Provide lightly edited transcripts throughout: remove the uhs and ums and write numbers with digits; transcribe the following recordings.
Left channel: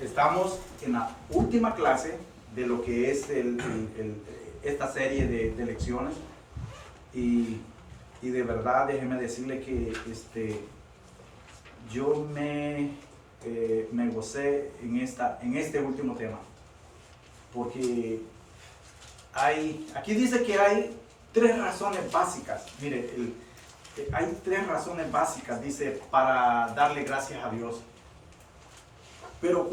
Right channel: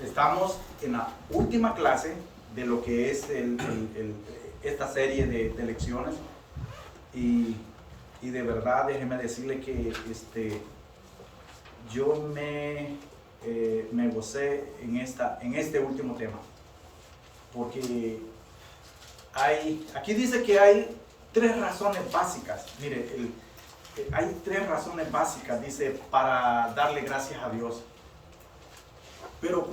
Estamos en la última clase de lo que es esta serie de lecciones y de verdad déjeme decirle que yo me gocé en este último tema, porque aquí dice que hay tres razones básicas. Mire, hay tres razones básicas, dice, para darle gracias a Dios. Pero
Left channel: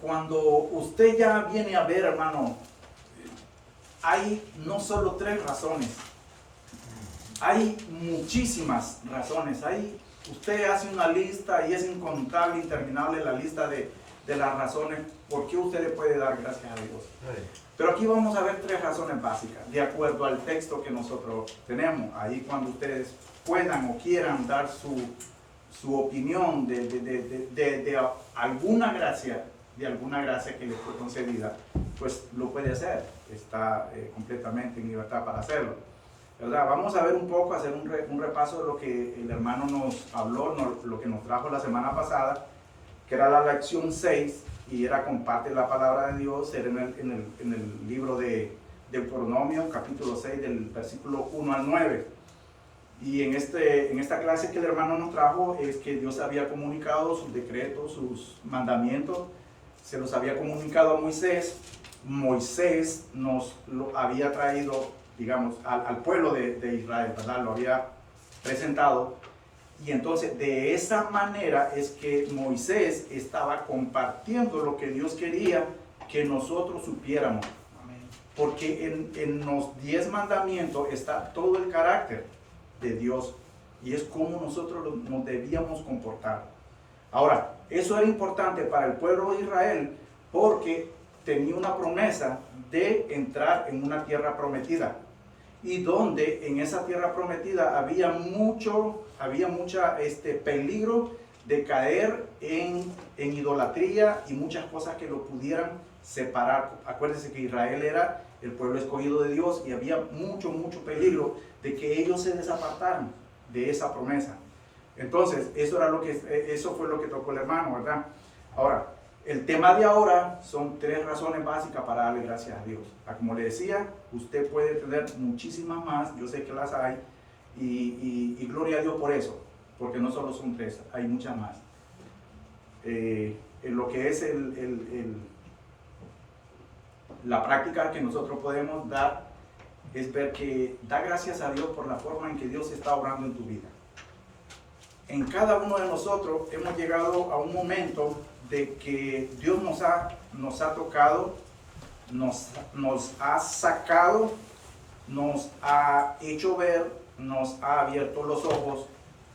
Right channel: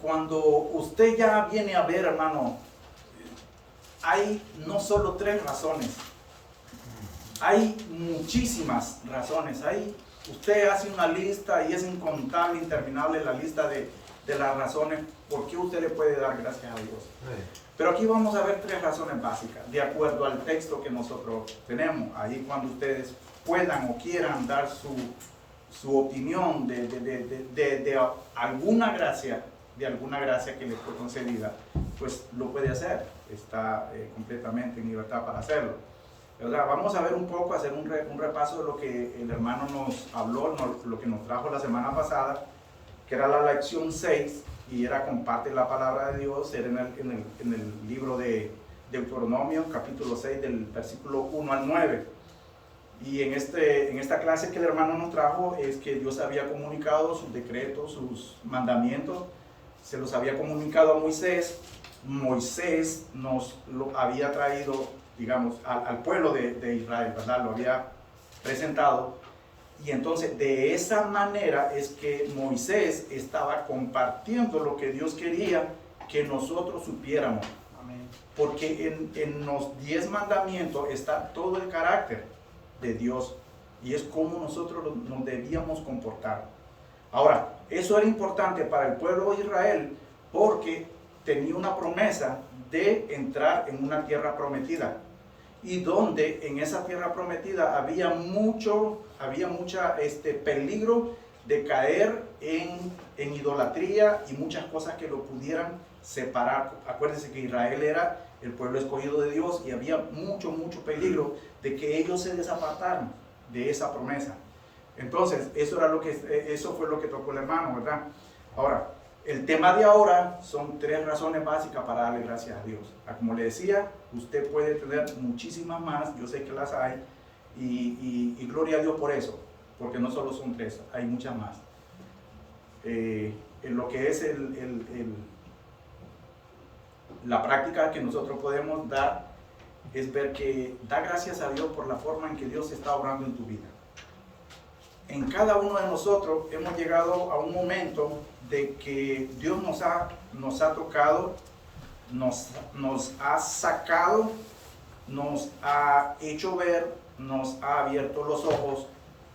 cuando usted ya viene a ver, hermano, hay no solo tres razones, hay muchísimas razones. Usted hace una lista y es incontable, interminable la lista de las razones por qué usted le puede dar gracias a Dios. Pero aquí vamos a ver tres razones básicas, de acuerdo al texto que nosotros tenemos. Ahí cuando ustedes puedan o quieran dar su opinión de alguna gracia, que les fue concedida, pues lo puede hacer. Está completamente en libertad para hacerlo, ¿verdad? Vamos a ver un poco, hacer un repaso de lo que el hermano nos habló, lo que nos trajo la semana pasada, que era la lección 6, y era comparte la palabra de Dios. Era en el libro de Deuteronomio, capítulo 6, del versículo 1 al 9. Y en esta clase que el hermano nos trajo es que Dios había comunicado sus decretos, sus mandamientos, se los había comunicado a Moisés. Moisés nos lo había traído, digamos, al pueblo de Israel, ¿verdad? Lo había presentado. Y entonces de esa manera es que Moisés estaba compartiendo lo que Dios quería que nosotros supiéramos. Porque en los 10 mandamientos está todo el carácter de Dios y es como nosotros nos debíamos comportar. Ahora, eso era importante para el pueblo de Israel porque tenía una promesa de entrar en una tierra prometida, y donde en esa tierra prometida había mucha peligro de caer en idolatría y muchas cosas que lo pudieran separar. Acuérdense que Israel era el pueblo escogido de Dios y había mucho peligro de que ellos se desapartaran de esa promesa. Entonces, eso fue lo que tocó el hermano, ¿verdad? Ahora, el tema de ahora son tres razones básicas para darle gracias a Dios. Como le decía, usted puede tener muchísimas más, yo sé que las hay, y gloria a Dios por eso, porque no solo son tres, hay muchas más. En lo que es la práctica que nosotros podemos dar es ver que da gracias a Dios por la forma en que Dios está obrando en tu vida. En cada uno de nosotros hemos llegado a un momento de que Dios nos ha tocado, nos ha sacado, nos ha hecho ver, nos ha abierto los ojos,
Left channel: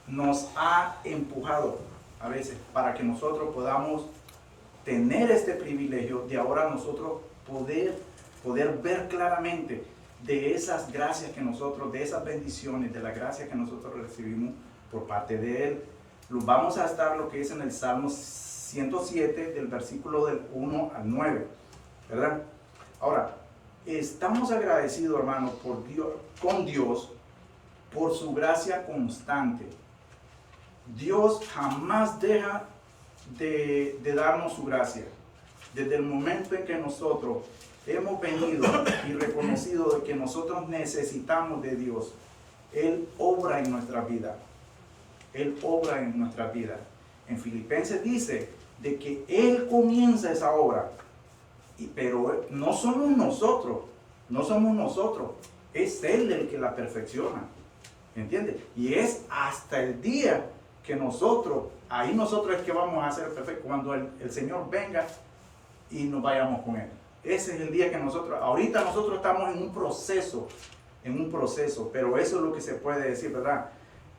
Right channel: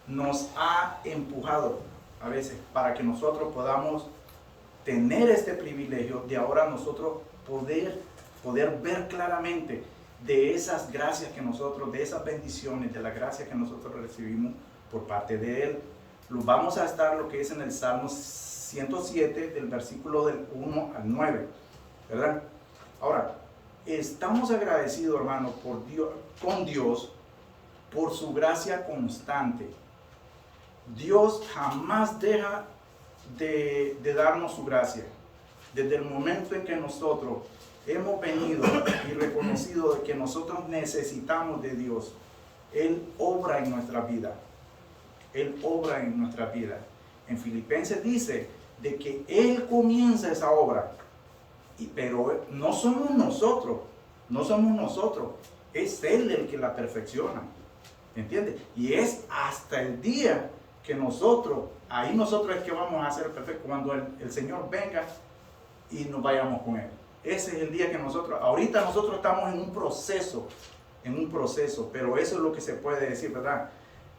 nos ha empujado a veces para que nosotros podamos tener este privilegio de ahora nosotros poder ver claramente de esas gracias que nosotros, de esas bendiciones, de la gracia que nosotros recibimos por parte de Él. Vamos a estar lo que es en el Salmo 107, del versículo del 1 al 9, ¿verdad? Ahora, estamos agradecidos, hermano, con Dios por su gracia constante. Dios jamás deja de darnos su gracia. Desde el momento en que nosotros hemos venido y reconocido de que nosotros necesitamos de Dios, Él obra en nuestra vida. Él obra en nuestra vida. En Filipenses dice de que Él comienza esa obra, pero no somos nosotros, es Él el que la perfecciona, ¿entiendes? Y es hasta el día que nosotros es que vamos a ser perfectos, cuando el Señor venga y nos vayamos con Él. Ese es el día que ahorita nosotros estamos en un proceso, pero eso es lo que se puede decir, ¿verdad?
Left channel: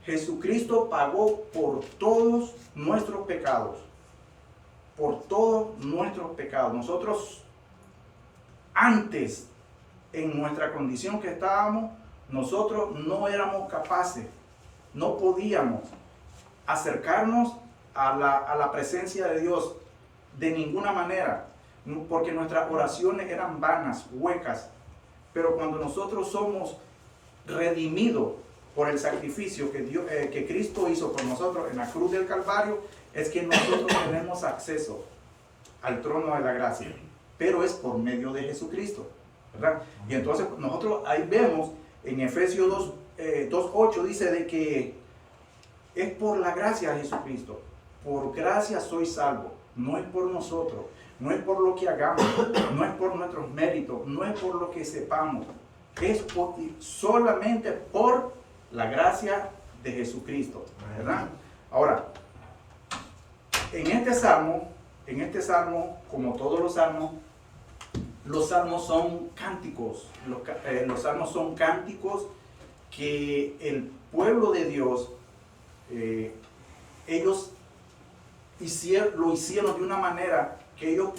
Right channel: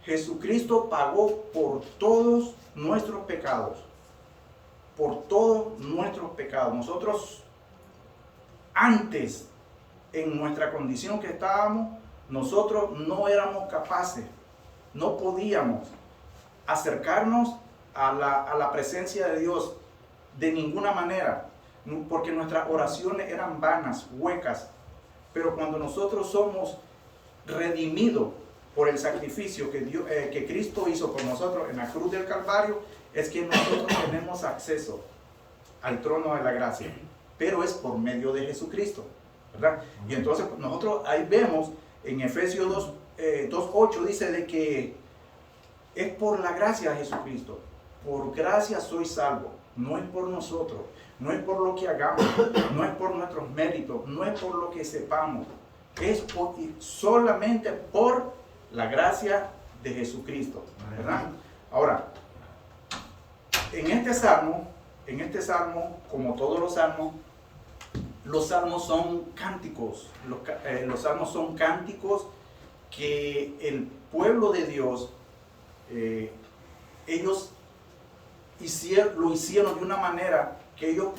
Jesucristo pagó por todos nuestros pecados. Nosotros, antes, en nuestra condición que estábamos, nosotros no éramos capaces, no podíamos acercarnos a la presencia de Dios de ninguna manera, porque nuestras oraciones eran vanas, huecas. Pero cuando nosotros somos redimidos por el sacrificio que Cristo hizo por nosotros en la cruz del Calvario, es que nosotros tenemos acceso al trono de la gracia, pero es por medio de Jesucristo, ¿verdad? Y entonces nosotros ahí vemos en Efesios 2:8 dice de que es por la gracia de Jesucristo, por gracia soy salvo, no es por nosotros, no es por lo que hagamos, no es por nuestros méritos, no es por lo que sepamos, es solamente por la gracia de Jesucristo, ¿verdad? Ahora, en este salmo, como todos los salmos son cánticos, los salmos son cánticos que el pueblo de Dios, ellos lo hicieron de una manera que ellos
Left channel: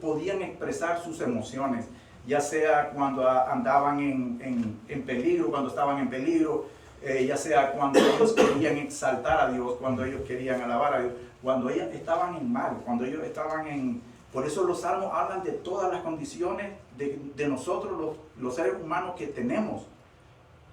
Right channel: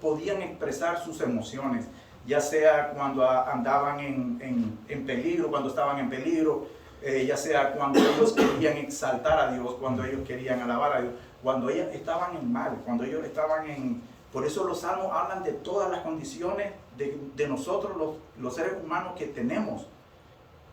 podían expresar sus emociones, ya sea cuando andaban en peligro, cuando estaban en peligro, ya sea cuando ellos querían exaltar a Dios, cuando ellos querían alabar a Dios, cuando ellos estaban en mal, cuando ellos estaban en... Por eso los salmos hablan de todas las condiciones de nosotros, los seres humanos que tenemos.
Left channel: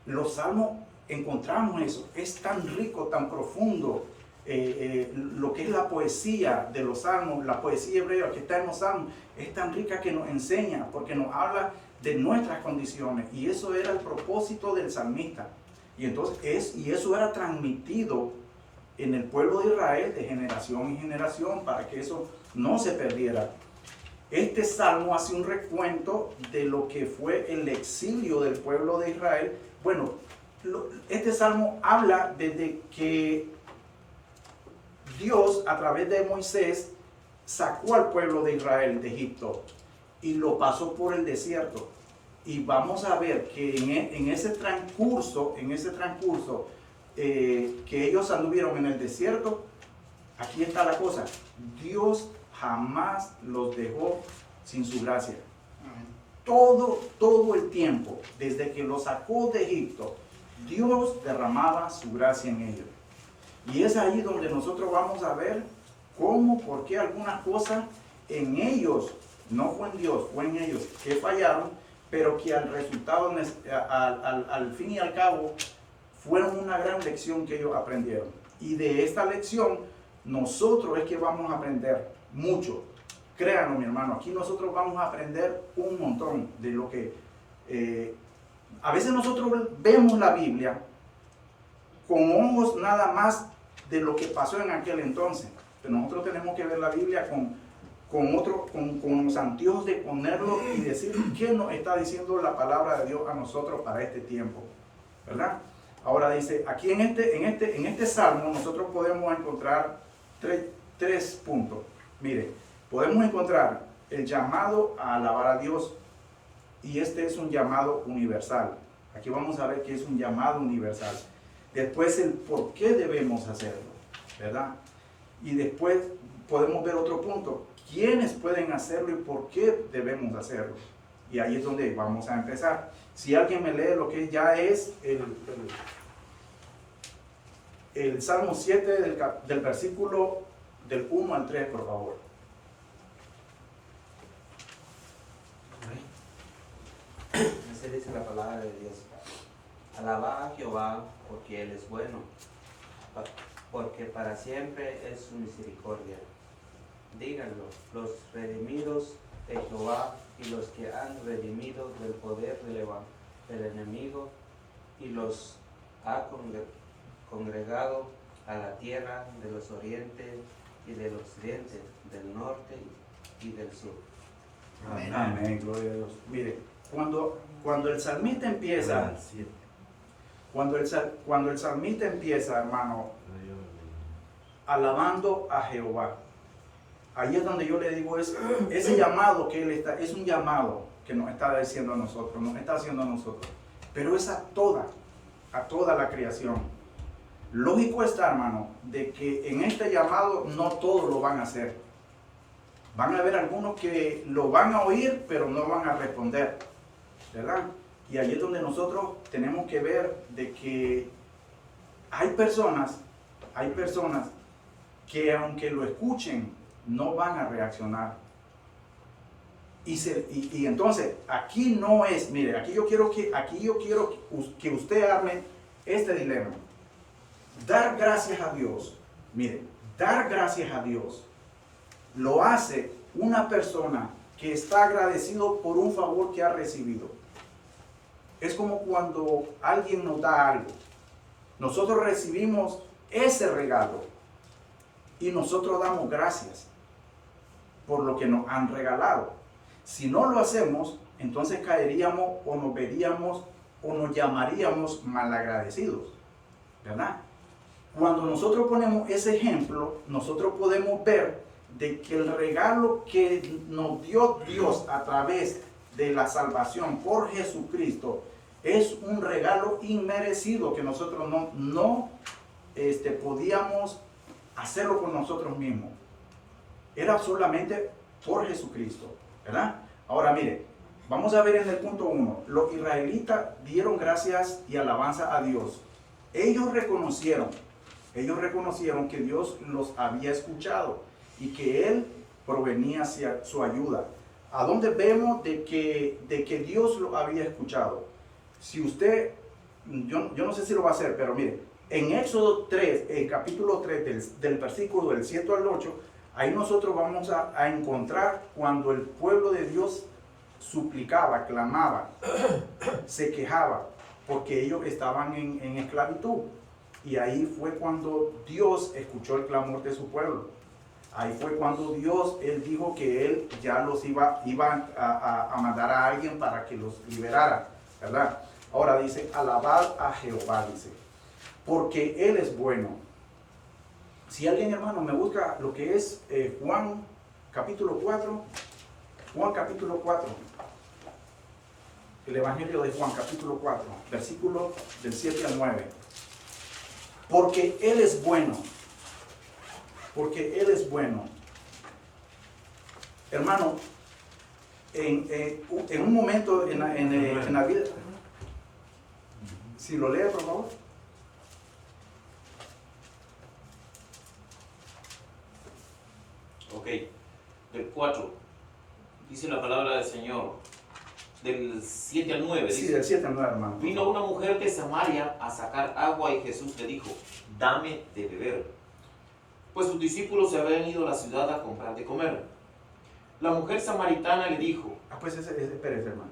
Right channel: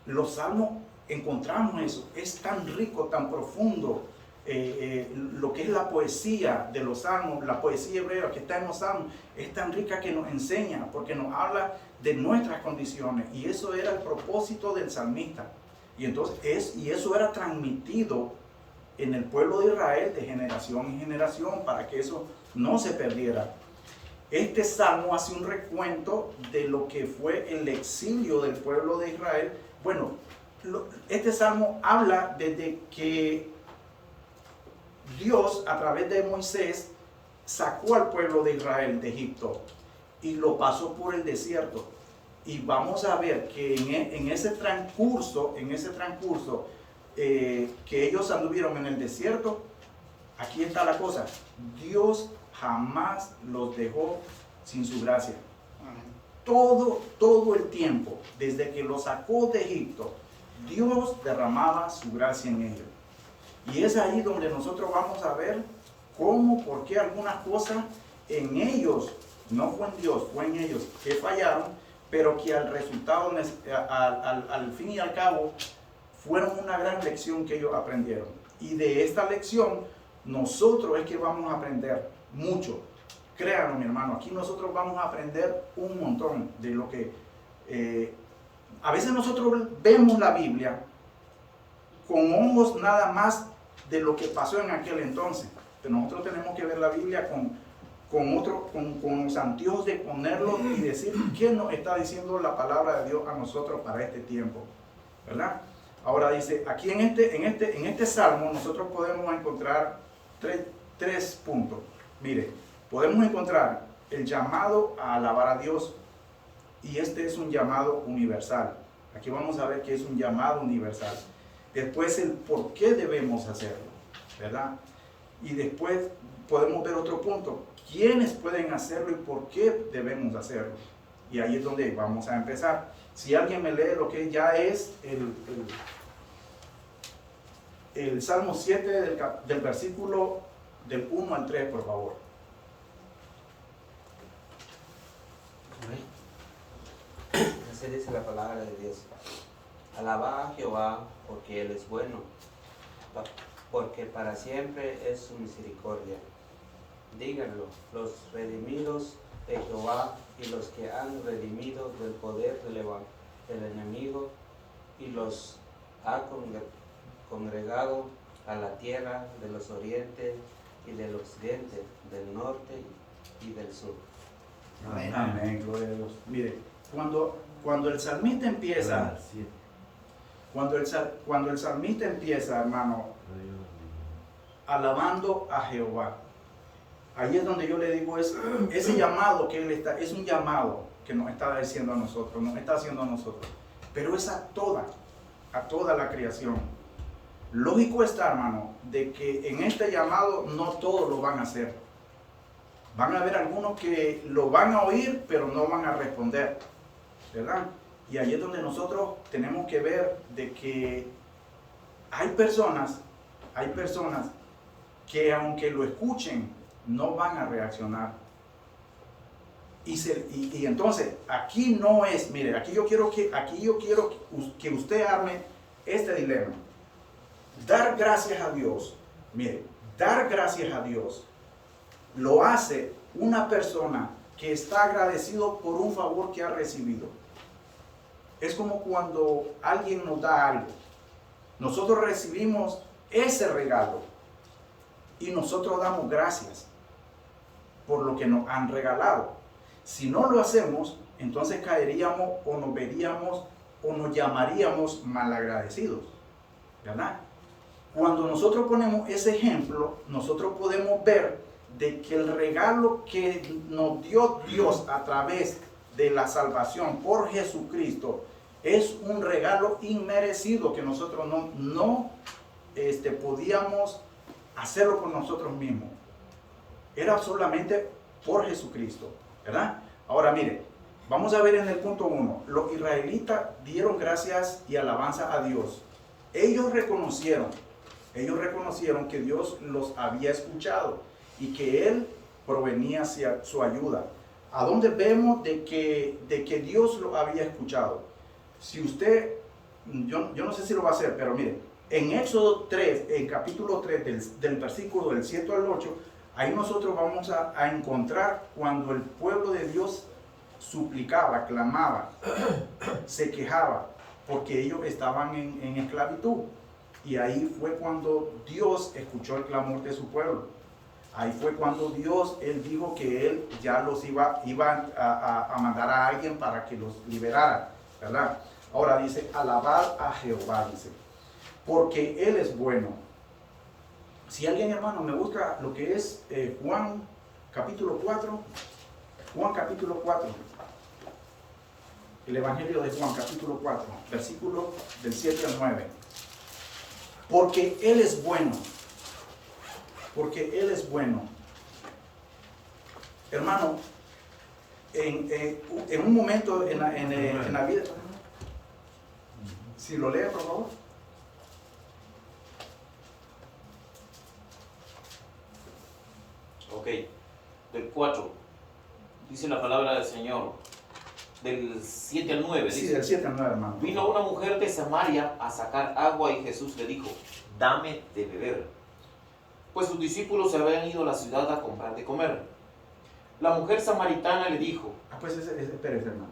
Los salmos encontramos eso, es tan rico, tan profundo, lo que es la poesía de los salmos, la poesía hebrea que está en los salmos, es tan rica que nos enseña, porque nos habla de nuestras condiciones, y eso era el propósito del salmista. Y entonces eso era transmitido en el pueblo de Israel de generación en generación para que eso no se perdiera. Este salmo hace un recuento de lo que fue el exilio del pueblo de Israel. Bueno, este salmo habla desde que Dios a través de Moisés sacó al pueblo de Israel de Egipto y lo pasó por el desierto. Y vamos a ver que en ese transcurso que ellos anduvieron en el desierto, aquí está la cosa: Dios jamás los dejó sin su gracia. Todo el tiempo, desde que los sacó de Egipto, Dios derramaba su gracia en ellos. Y es ahí donde nosotros vamos a ver cómo, por qué algunas cosas en ellos, no fue en Dios, fue en ellos que fallaron, pero que al resultado, al fin y al cabo, fueron una gran lección que ellos aprendieron. Y de esta lección, nosotros es que vamos a aprender mucho. Créanos, mi hermano, aquí nosotros vamos a aprender un montón de lo que... a veces nosotros vemos la Biblia con ojos nada más de lo que pasó en aquel entonces. Pero nosotros tenemos que ver la Biblia con los anteojos de ponerlo y decir qué nos está diciendo la palabra de Dios a nosotros para este tiempo, ¿verdad? Ahora dice, aquí en este salmo nosotros podemos encontrar tres puntos. Mire, podemos encontrar el llamado a alabar a Dios, y este es un llamado universal. Aquí vamos a ver que es un llamado universal. Después el por qué debemos hacerlo, ¿verdad? Y después podemos ver otro punto: ¿quiénes pueden hacerlo y por qué debemos hacerlo? Y ahí es donde vamos a empezar. Si alguien me lee lo que ya es el Salmo 7 del versículo del 1 al 3, por favor. Así dice la palabra de Dios. Alabad a Jehová porque Él es bueno, porque para siempre es su misericordia. Díganlo, los redimidos de Jehová y los que han redimido del poder del enemigo, y los ha congregado a la tierra de los orientes y del occidente, del norte y del sur. Amén. Amén, gloria a Dios. Mire, cuando el salmista empieza, cuando el salmista empieza, hermano, alabando a Jehová, ahí es donde yo le digo, ese llamado que él está, es un llamado que nos está diciendo a nosotros, nos está haciendo a nosotros, pero es a toda la creación. Lógico está, hermano, de que en este llamado no todos lo van a hacer. Van a haber algunos que lo van a oír, pero no van a responder, ¿verdad? Y ahí es donde nosotros tenemos que ver de que hay personas que aunque lo escuchen, no van a reaccionar. Y entonces, aquí no es, mire, aquí yo quiero que usted arme este dilema. Dar gracias a Dios, mire, dar gracias a Dios lo hace una persona que está agradecido por un favor que ha recibido. Es como cuando alguien nos da algo. Nosotros recibimos ese regalo y nosotros damos gracias por lo que nos han regalado. Si no lo hacemos, entonces caeríamos o nos veríamos o nos llamaríamos malagradecidos, ¿verdad? Cuando nosotros ponemos ese ejemplo, nosotros podemos ver de que el regalo que nos dio Dios a través de la salvación por Jesucristo es un regalo inmerecido que nosotros no podíamos hacerlo con nosotros mismos. Era solamente por Jesucristo, ¿verdad? Ahora mire, vamos a ver en el punto 1. Los israelitas dieron gracias y alabanza a Dios. Ellos reconocieron que Dios los había escuchado y que Él provenía hacia su ayuda. ¿A dónde vemos de que Dios lo había escuchado? Si usted, yo no sé si lo va a hacer, pero mire, en Éxodo 3, el capítulo 3, del versículo del 7 al 8, ahí nosotros vamos a encontrar cuando el pueblo de Dios suplicaba, clamaba, se quejaba, porque ellos estaban en esclavitud. Y ahí fue cuando Dios escuchó el clamor de su pueblo. Ahí fue cuando Dios, Él dijo que Él ya los iba a mandar a alguien para que los liberara, ¿verdad? Ahora dice, alabad a Jehová, dice, porque Él es bueno. Si alguien, hermano, me busca lo que es Juan capítulo 4, Juan capítulo 4, el Evangelio de Juan capítulo 4, versículo del 7 al 9. Porque Él es bueno. Porque Él es bueno. Hermano, en un momento en la vida, si lo lee, por favor. Ok, del 4, dice la palabra del Señor, del 7 al 9. Sí, dice, del 7 al 9, hermano. vino una mujer de Samaria a sacar agua y Jesús le dijo, dame de beber, pues sus discípulos se habían ido a la ciudad a comprar de comer. La mujer samaritana le dijo, Pues espérese, hermano.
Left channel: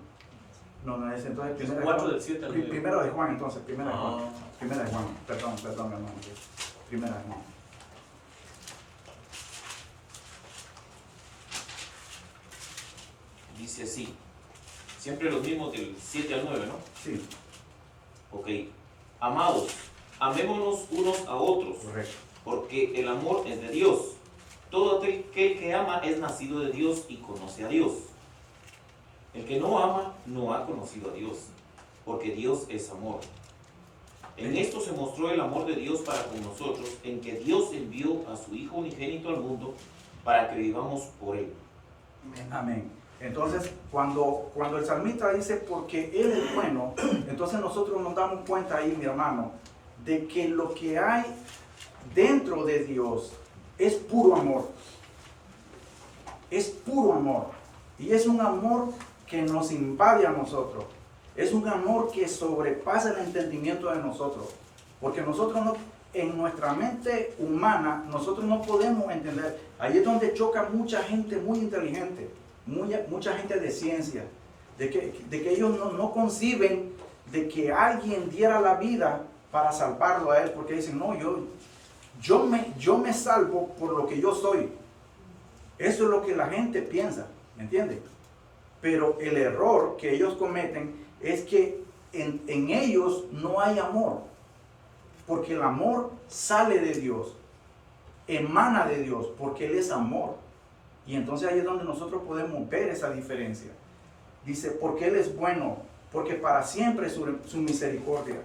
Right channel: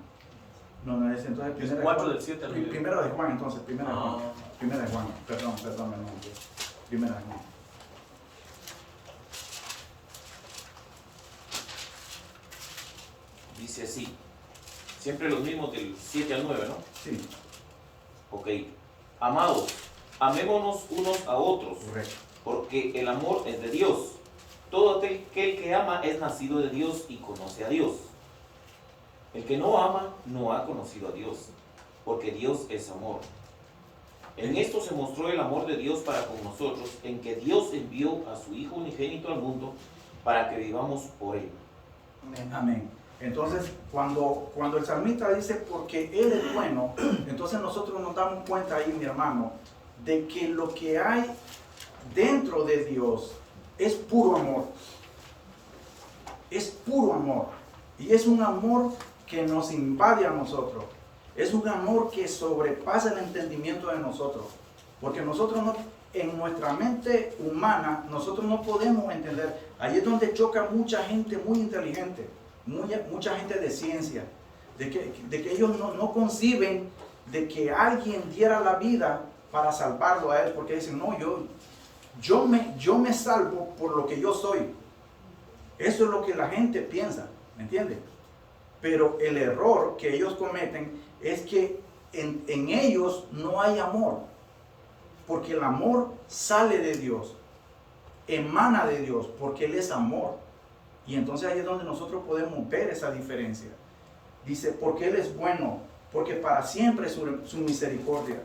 No, es entonces es primero de 4 Juan. del 7 al 9. Primero de Juan, entonces, primero de Juan. Ah. Primero de Juan, perdón, mi hermano. Primero de Juan. Dice así, siempre los mismos del 7 al 9, ¿no? Sí, Ok, amados, amémonos unos a otros, correcto. porque el amor es de Dios. Todo aquel que ama es nacido de Dios y conoce a Dios. El que no ama no ha conocido a Dios, porque Dios es amor. En esto se mostró el amor de Dios para con nosotros, en que Dios envió a su Hijo unigénito al mundo para que vivamos por él. Amén. Entonces, cuando el salmista dice porque Él es bueno, entonces nosotros nos damos cuenta ahí, mi hermano, de que lo que hay dentro de Dios es puro amor. Es puro amor. Y es un amor que nos invade a nosotros. Es un amor que sobrepasa el entendimiento de nosotros. Porque nosotros no, en nuestra mente humana, nosotros no podemos entender. Ahí es donde choca mucha gente muy inteligente. Mucha gente de ciencia, de que ellos no conciben de que alguien diera la vida para salvarlo a él, porque dicen, no, yo me salvo por lo que yo soy. Eso es lo que la gente piensa, ¿me entiende? Pero el error que ellos cometen es que en ellos no hay amor, porque el amor sale de Dios, emana de Dios, porque Él es amor. Y entonces ahí es donde nosotros podemos ver esa diferencia. Dice, porque Él es bueno, porque para siempre es su misericordia.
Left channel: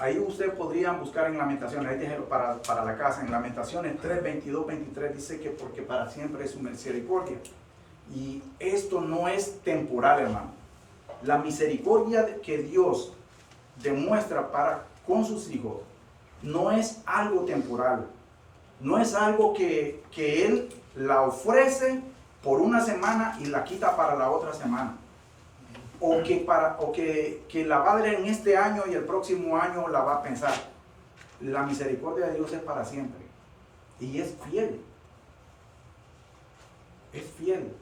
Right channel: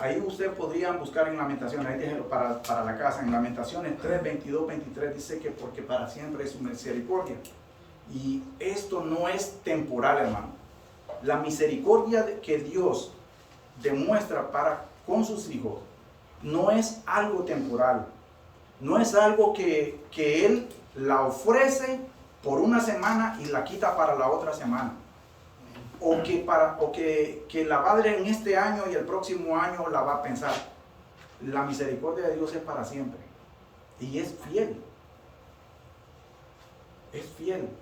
Ahí ustedes podrían buscar en Lamentaciones, ahí déjenlo para la casa, en Lamentaciones 3, 22, 23 dice que porque para siempre es su misericordia. Y esto no es temporal, hermano. La misericordia que Dios demuestra para con sus hijos no es algo temporal. No es algo que Él la ofrece por una semana y la quita para la otra semana. O que la va a dar en este año y el próximo año la va a pensar. La misericordia de Dios es para siempre. Y es fiel. fiel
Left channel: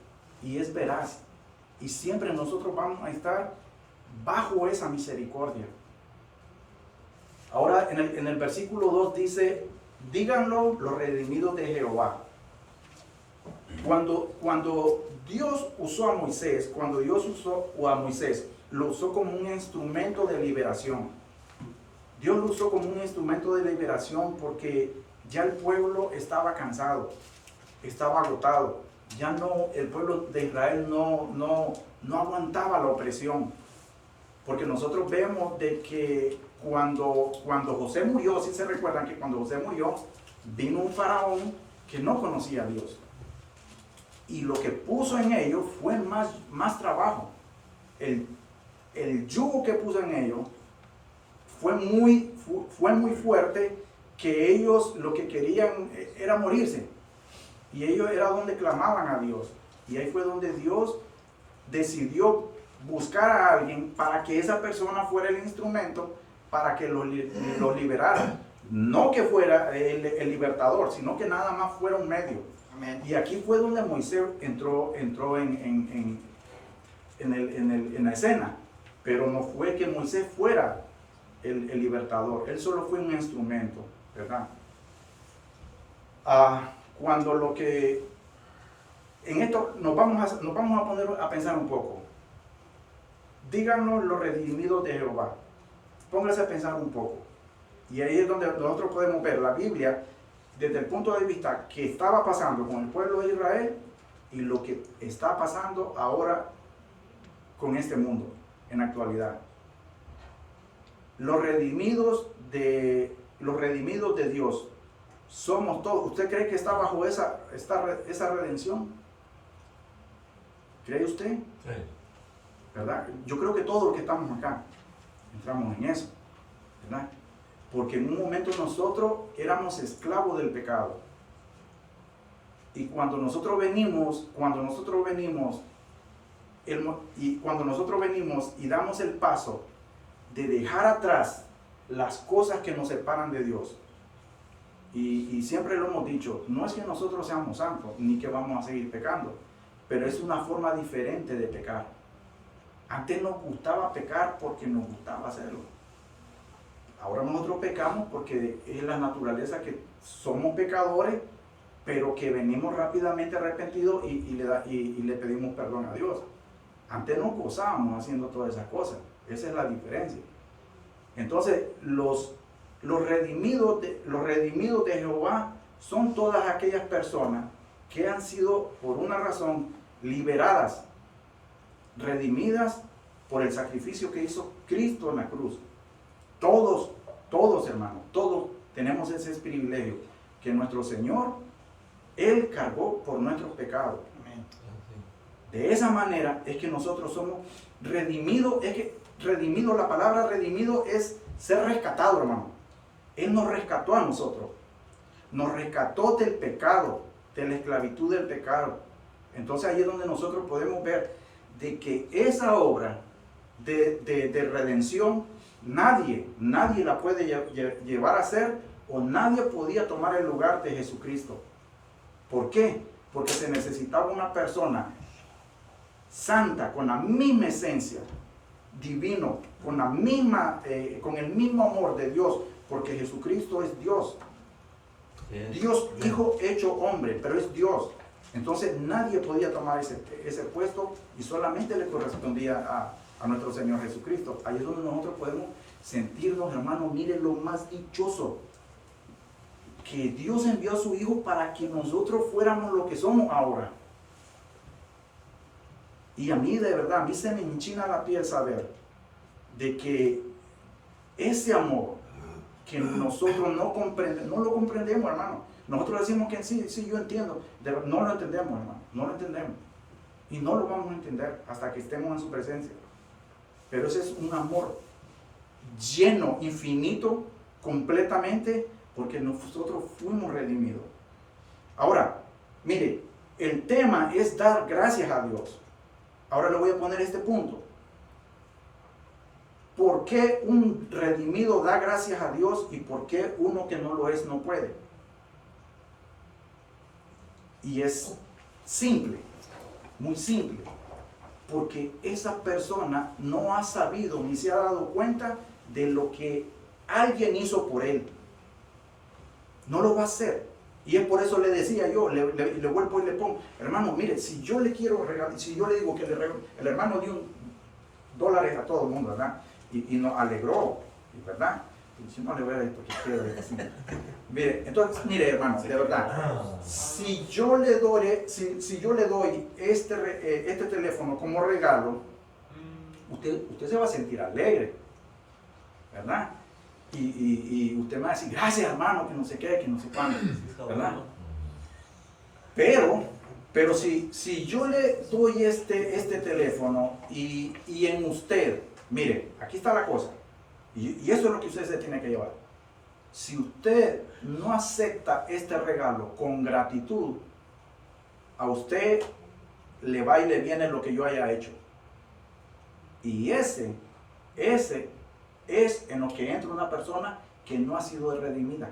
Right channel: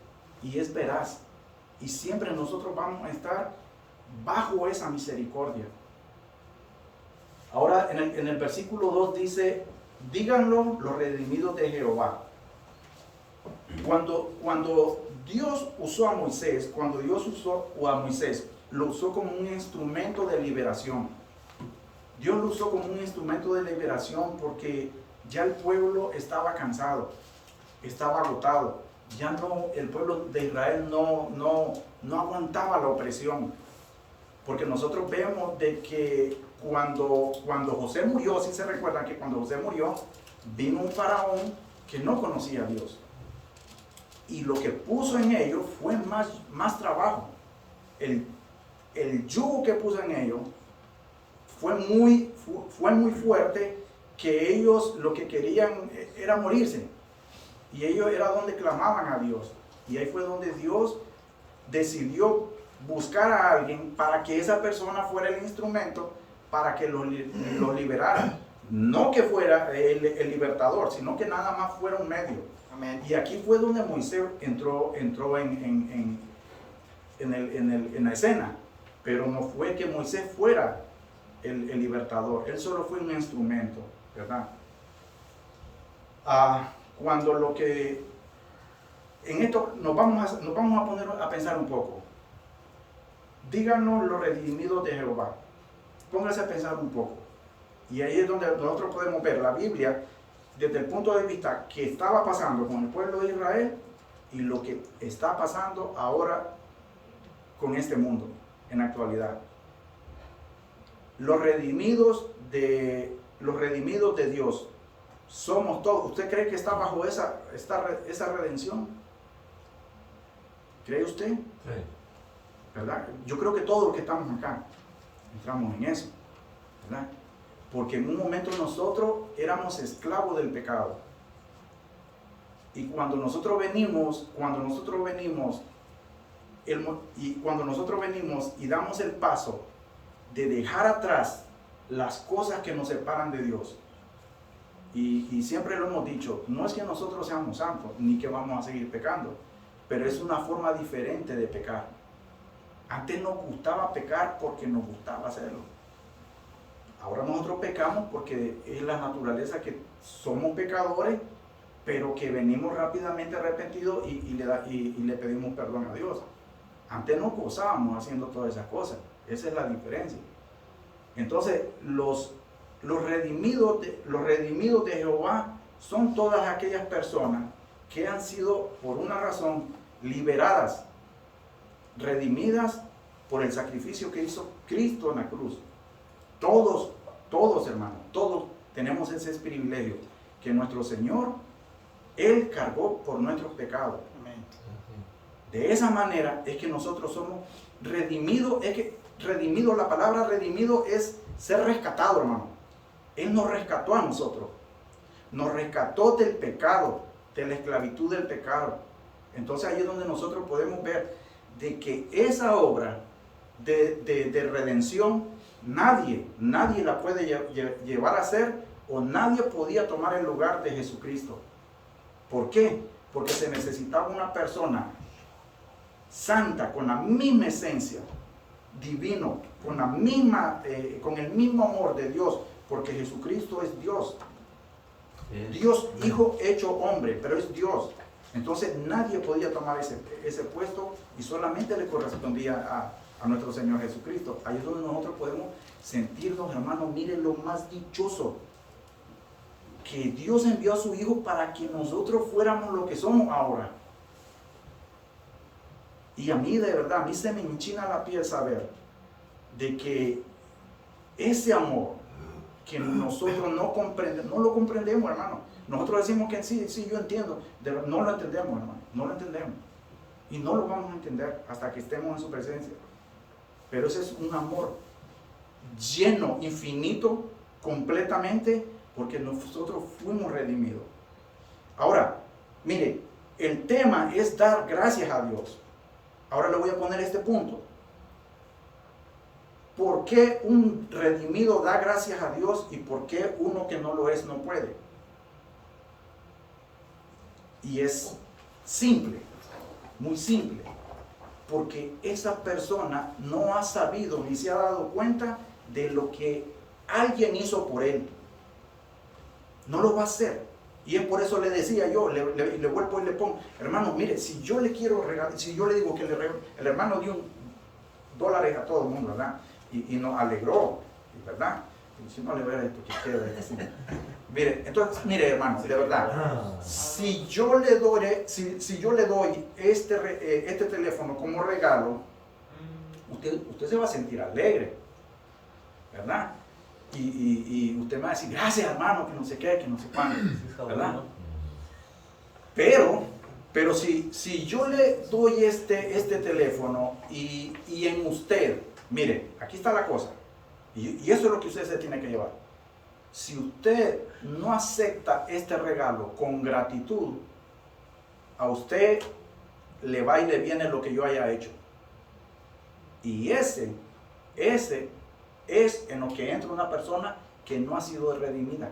y es veraz. Y siempre nosotros vamos a estar bajo esa misericordia. Ahora en el versículo 2 dice, díganlo los redimidos de Jehová. Cuando Dios usó a Moisés, lo usó como un instrumento de liberación. Dios lo usó como un instrumento de liberación porque ya el pueblo estaba cansado, estaba agotado. Ya no, el pueblo de Israel no aguantaba la opresión. Porque nosotros vemos de que cuando José murió, si se recuerdan que cuando José murió, vino un faraón que no conocía a Dios. Y lo que puso en ellos fue más trabajo. El yugo que puso en ellos fue muy fuerte, que ellos lo que querían era morirse. Y ellos era donde clamaban a Dios. Y ahí fue donde Dios decidió buscar a alguien para que esa persona fuera el instrumento para que los liberara. No que fuera el libertador, sino que nada más fuera un medio. Amén. Y aquí fue donde Moisés entró en la escena. Pero no fue que Moisés fuera el libertador. Él solo fue un instrumento, ¿verdad? Cuando lo que... En esto nos vamos a poner a pensar un poco. Díganos los redimidos de Jehová. Póngase a pensar un poco. Y ahí es donde nosotros podemos ver la Biblia desde el punto de vista que estaba pasando con el pueblo de Israel y lo que está pasando ahora con este mundo en la actualidad. Los redimidos de Dios somos todos. ¿Usted cree que está bajo esa redención? ¿Cree usted? Sí. ¿Verdad? Yo creo que todos los que estamos acá entramos en eso, ¿verdad? Porque en un momento nosotros éramos esclavos del pecado. Y cuando nosotros venimos y damos el paso de dejar atrás las cosas que nos separan de Dios, y siempre lo hemos dicho, no es que nosotros seamos santos, ni que vamos a seguir pecando, pero es una forma diferente de pecar. Antes nos gustaba pecar porque nos gustaba hacerlo. Ahora nosotros pecamos porque es la naturaleza que somos pecadores, pero que venimos rápidamente arrepentidos y le pedimos perdón a Dios. Antes nos gozábamos haciendo todas esas cosas. Esa es la diferencia. Entonces, los redimidos de Jehová son todas aquellas personas que han sido, por una razón, liberadas, redimidas por el sacrificio que hizo Cristo en la cruz. Todos hermanos, todos tenemos ese privilegio, que nuestro Señor, Él cargó por nuestros pecados. Amén. De esa manera es que nosotros somos redimidos. Es que redimido, la palabra redimido es ser rescatado, hermano. Él nos rescató a nosotros. Nos rescató del pecado, de la esclavitud del pecado. Entonces ahí es donde nosotros podemos ver de que esa obra de redención nadie la puede llevar a hacer, o nadie podía tomar el lugar de Jesucristo. ¿Por qué? Porque se necesitaba una persona santa, con la misma esencia, divino, con el mismo amor de Dios, porque Jesucristo es Dios. Dios hijo hecho hombre, pero es Dios. Entonces nadie podía tomar ese puesto y solamente le correspondía a nuestro Señor Jesucristo. Ahí es donde nosotros podemos sentirnos, hermanos, miren lo más dichoso, que Dios envió a su Hijo para que nosotros fuéramos lo que somos ahora. Y a mí, de verdad, a mí se me enchina la piel saber de que ese amor que nosotros no lo comprendemos, hermano. Nosotros decimos que sí, yo entiendo. No lo entendemos, hermano. No lo entendemos. Y no lo vamos a entender hasta que estemos en su presencia. Pero ese es un amor lleno, infinito, completamente, porque nosotros fuimos redimidos. Ahora, mire, el tema es dar gracias a Dios. Ahora le voy a poner este punto. ¿Por qué un redimido da gracias a Dios y por qué uno que no lo es no puede? Y es simple. muy simple. Porque esa persona no ha sabido ni se ha dado cuenta de lo que alguien hizo por él. No lo va a hacer. Y es por eso le decía yo, le vuelvo y le pongo, hermano, mire, si yo le quiero regalar, si yo le digo que el hermano dio $1 a todo el mundo, ¿verdad? Y nos alegró, ¿verdad? Y si no le voy a decir porque queda así. Mire, entonces, mire, hermano, de verdad, si yo le doy, si yo le doy este teléfono como regalo, usted se va a sentir alegre, ¿verdad? Y usted me va a decir, gracias hermano, que no sé qué, que no sé cuándo, ¿verdad? Pero si yo le doy este teléfono y en usted, mire, aquí está la cosa, y eso es lo que usted se tiene que llevar. Si usted no acepta este regalo con gratitud, a usted le va y le viene lo que yo haya hecho. Y ese es en lo que entra una persona que no ha sido redimida,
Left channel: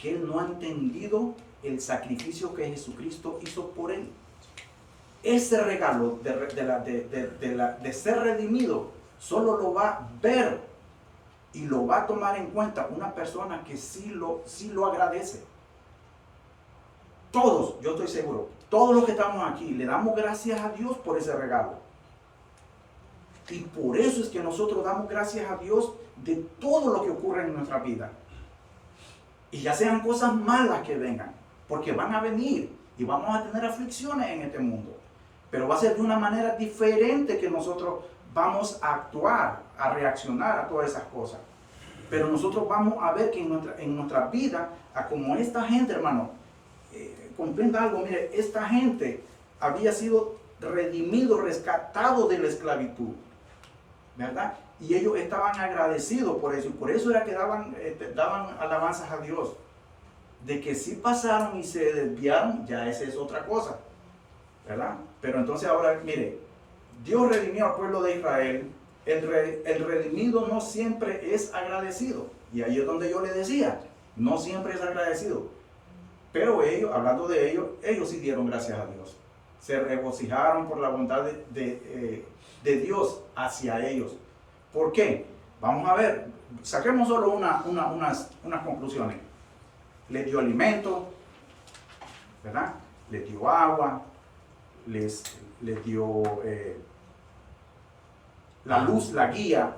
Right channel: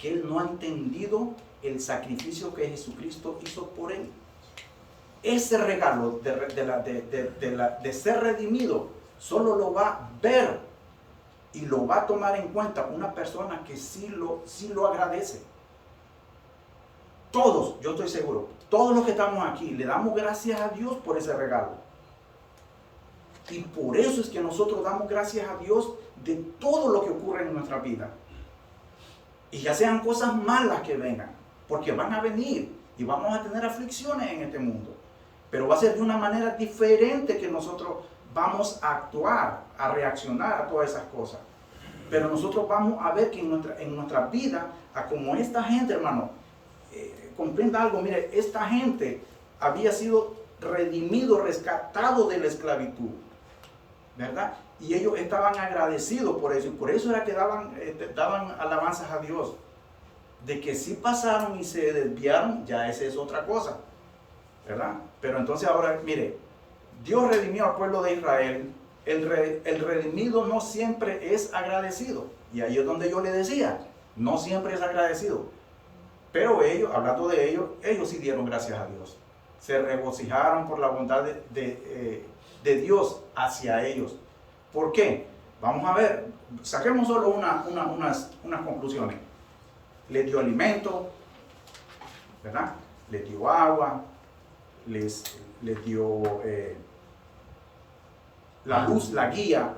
que él no ha entendido el sacrificio que Jesucristo hizo por él. Ese regalo de ser redimido solo lo va a ver y lo va a tomar en cuenta una persona que sí lo agradece. Todos, yo estoy seguro, todos los que estamos aquí le damos gracias a Dios por ese regalo. Y por eso es que nosotros damos gracias a Dios de todo lo que ocurre en nuestra vida. Y ya sean cosas malas que vengan, porque van a venir y vamos a tener aflicciones en este mundo. Pero va a ser de una manera diferente que nosotros vamos a actuar, a reaccionar a todas esas cosas. Pero nosotros vamos a ver que en nuestra vida, a como esta gente, hermano, comprenda algo, mire, esta gente había sido redimido, rescatado de la esclavitud, ¿verdad? Y ellos estaban agradecidos por eso, y por eso era que daban alabanzas a Dios. De que si pasaron y se desviaron, ya esa es otra cosa, ¿verdad? Pero entonces ahora, mire, Dios redimió al pueblo de Israel. El redimido no siempre es agradecido. Y ahí es donde yo le decía, no siempre es agradecido. Pero ellos, hablando de ellos, ellos sí dieron gracias a Dios. Se regocijaron por la bondad de Dios hacia ellos. ¿Por qué? Vamos a ver, saquemos solo unas conclusiones. Les dio alimento, ¿verdad? Les dio agua, les dio la luz, la guía,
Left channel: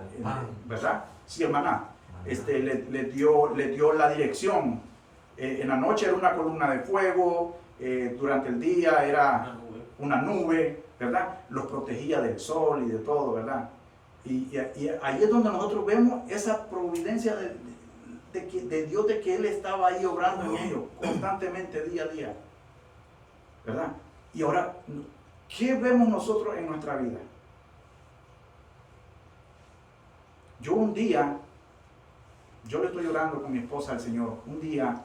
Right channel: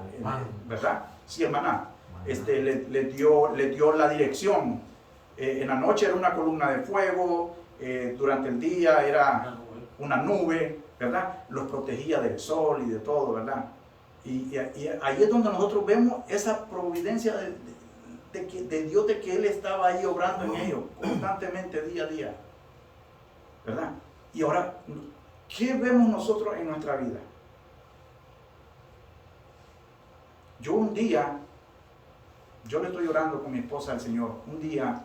¿verdad? Sí, hermana. Les dio la dirección. En la noche era una columna de fuego, durante el día era una nube, ¿verdad? Los protegía del sol y de todo, ¿verdad? Y ahí es donde nosotros vemos esa providencia de Dios, de que Él estaba ahí obrando en ellos constantemente, día a día, ¿verdad? Y ahora, ¿qué vemos nosotros en nuestra vida? Yo un día, yo le estoy orando con mi esposa al Señor, un día,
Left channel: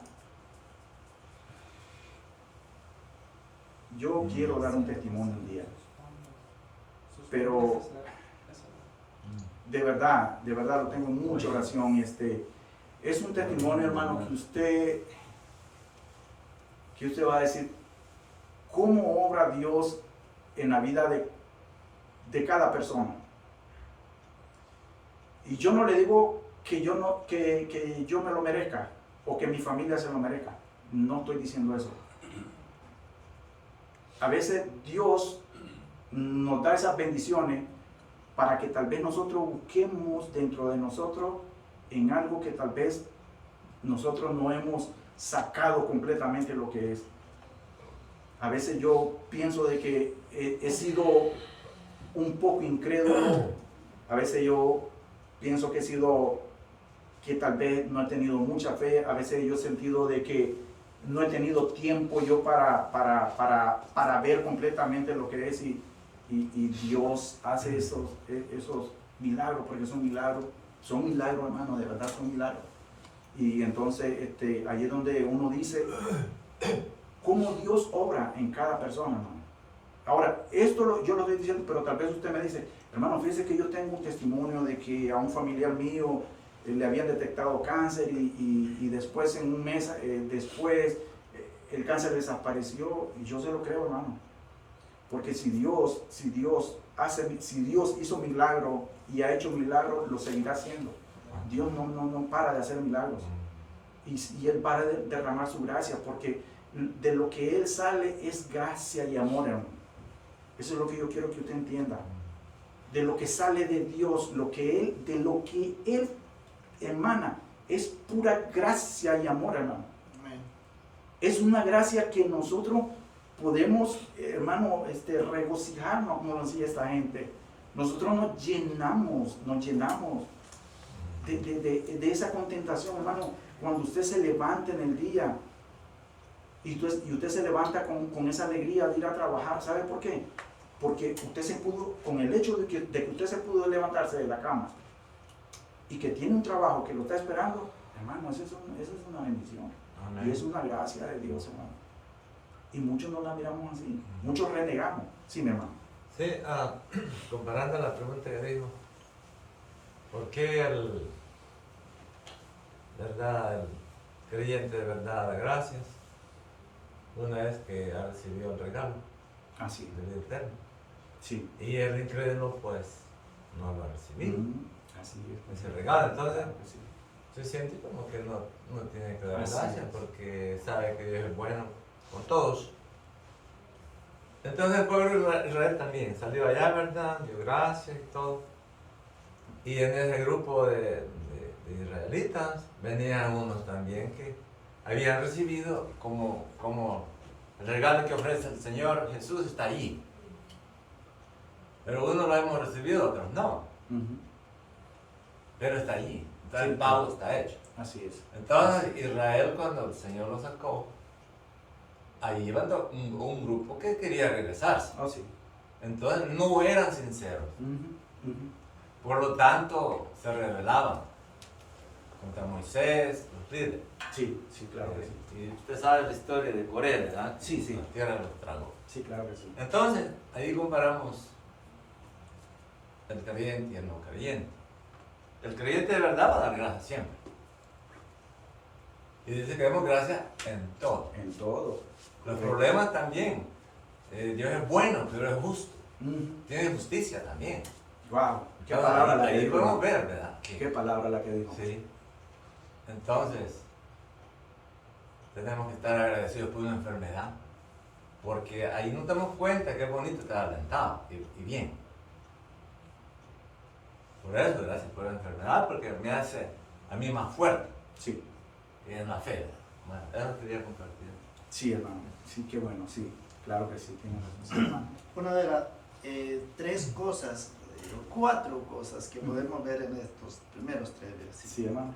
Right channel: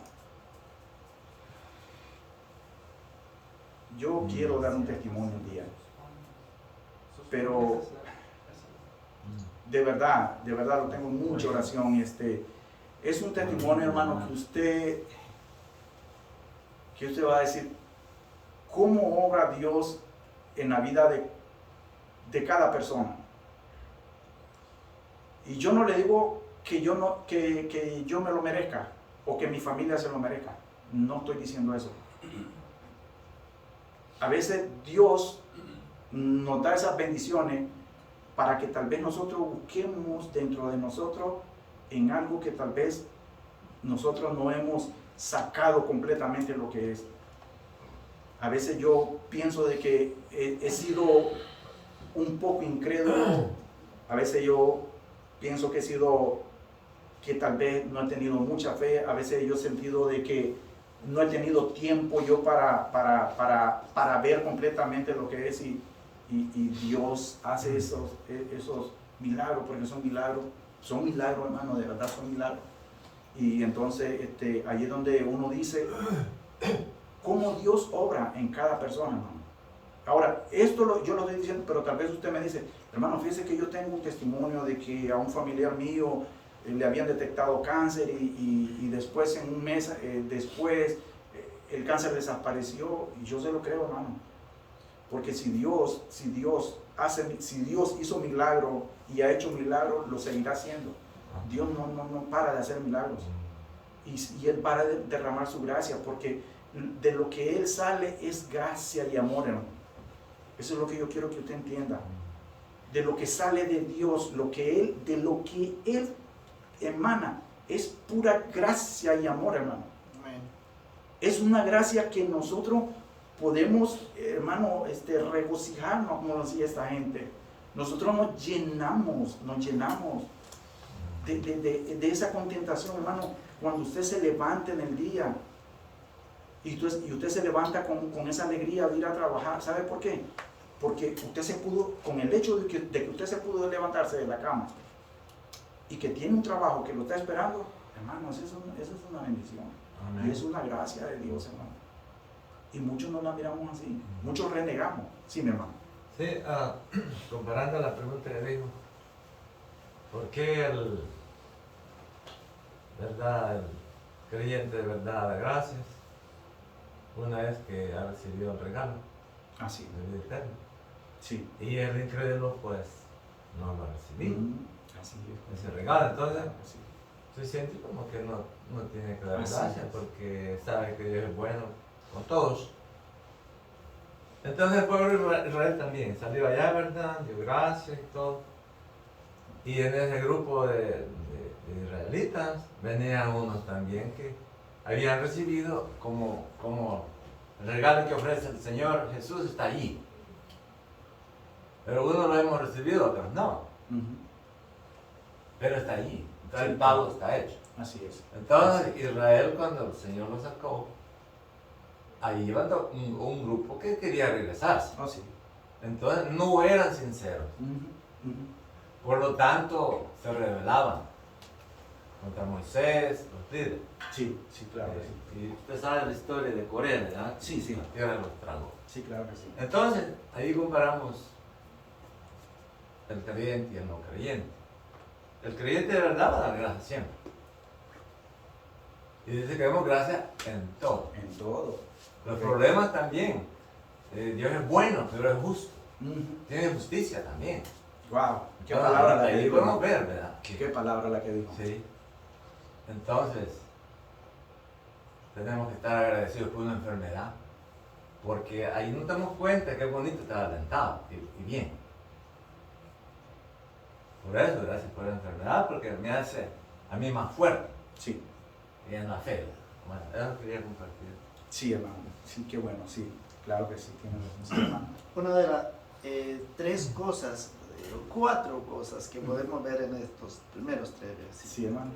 yo quiero dar un testimonio un día, pero de verdad lo tengo en mucha oración. Es un testimonio, hermano, que usted va a decir cómo obra Dios en la vida de cada persona. Y yo no le digo que yo me lo merezca o que mi familia se lo merezca. No estoy diciendo eso. A veces Dios nos da esas bendiciones para que tal vez nosotros busquemos dentro de nosotros en algo que tal vez nosotros no hemos sacado completamente lo que es. A veces yo pienso de que he sido un poco incrédulo. A veces yo pienso que tal vez no he tenido mucha fe. A veces yo he sentido de que no he tenido tiempo yo para ver completamente lo que es, y Dios hace esos milagros, porque son milagros, hermano, de verdad son milagros. Y entonces ahí es donde uno dice cómo Dios obra en cada persona, hermano. Ahora, esto yo lo estoy diciendo, pero tal vez usted me dice, hermano, fíjese que yo tengo un testimonio de que a un familiar mío le habían detectado cáncer y después, en un mes después, el cáncer desapareció. Y yo se lo creo, hermano, Porque si Dios hizo milagro y ha hecho milagro, lo seguirá haciendo. Dios no para de hacer milagros. Y Él para de derramar su gracia, porque de lo que Él sale es gracia y amor, hermano. Eso es lo que yo quiero que usted entienda. De lo que sale de Dios, de lo que Él emana, es pura gracia y amor, hermano. Es una gracia que nosotros podemos, hermano, regocijarnos, como lo decía esta gente. Nosotros nos llenamos de esa contentación, hermano. Cuando usted se levanta en el día y usted se levanta con esa alegría de ir a trabajar, ¿sabe por qué? Porque usted se pudo, con el hecho de que usted se pudo levantarse de la cama y que tiene un trabajo que lo está esperando, hermano, eso es una bendición. Amén. Y es una gracia de Dios, hermano. Y muchos no la miramos así, muchos renegamos. Sí, mi hermano. Sí, comparando la pregunta que dijo, ¿por qué el creyente de verdad da gracias una vez que ha recibido el regalo de vida eterna? Sí. Y el incrédulo pues no lo ha recibido. Así es. Ese regalo, entonces se siente como que no tiene que dar gracias porque sabe que Dios es bueno con todos. Entonces el pueblo de Israel también salió allá, ¿verdad? Dio gracias y todo. Y en ese grupo de israelitas venían unos también que habían recibido como el regalo que ofrece el Señor Jesús está allí. Pero unos lo hemos recibido, otros no. Pero está allí. Entonces el pago está hecho. Así es. Entonces Israel, cuando el Señor lo sacó, ahí iba un grupo que quería regresarse. Oh, sí. Entonces no eran sinceros. Por lo tanto, se rebelaban contra Moisés, los líderes. Sí, claro que sí. Y usted sabe la historia de Corea, ¿verdad? Sí. La tierra los tragó. Sí, claro que sí. Entonces, ahí comparamos el creyente y el no creyente. El creyente de verdad va a dar gracias siempre. Y dice que demos gracias en todo. En todo. Los problemas también. Dios es bueno, pero es justo. Tiene justicia también. Wow, qué palabra la que ahí dijo. podemos ver, ¿verdad? Qué palabra la que dijo. Sí. Entonces, tenemos que estar agradecidos por una enfermedad. Porque ahí nos damos cuenta que es bonito estar alentado y bien. Por eso, gracias por la enfermedad, porque me hace a mí más fuerte. Sí. Y en la fe. Bueno, eso quería compartir. Sí, hermano. Sí, qué bueno. Sí, claro que sí. Tienes razón, sí, hermano. Una de las 4 cosas que podemos ver en estos primeros 3 versículos. Sí, hermano.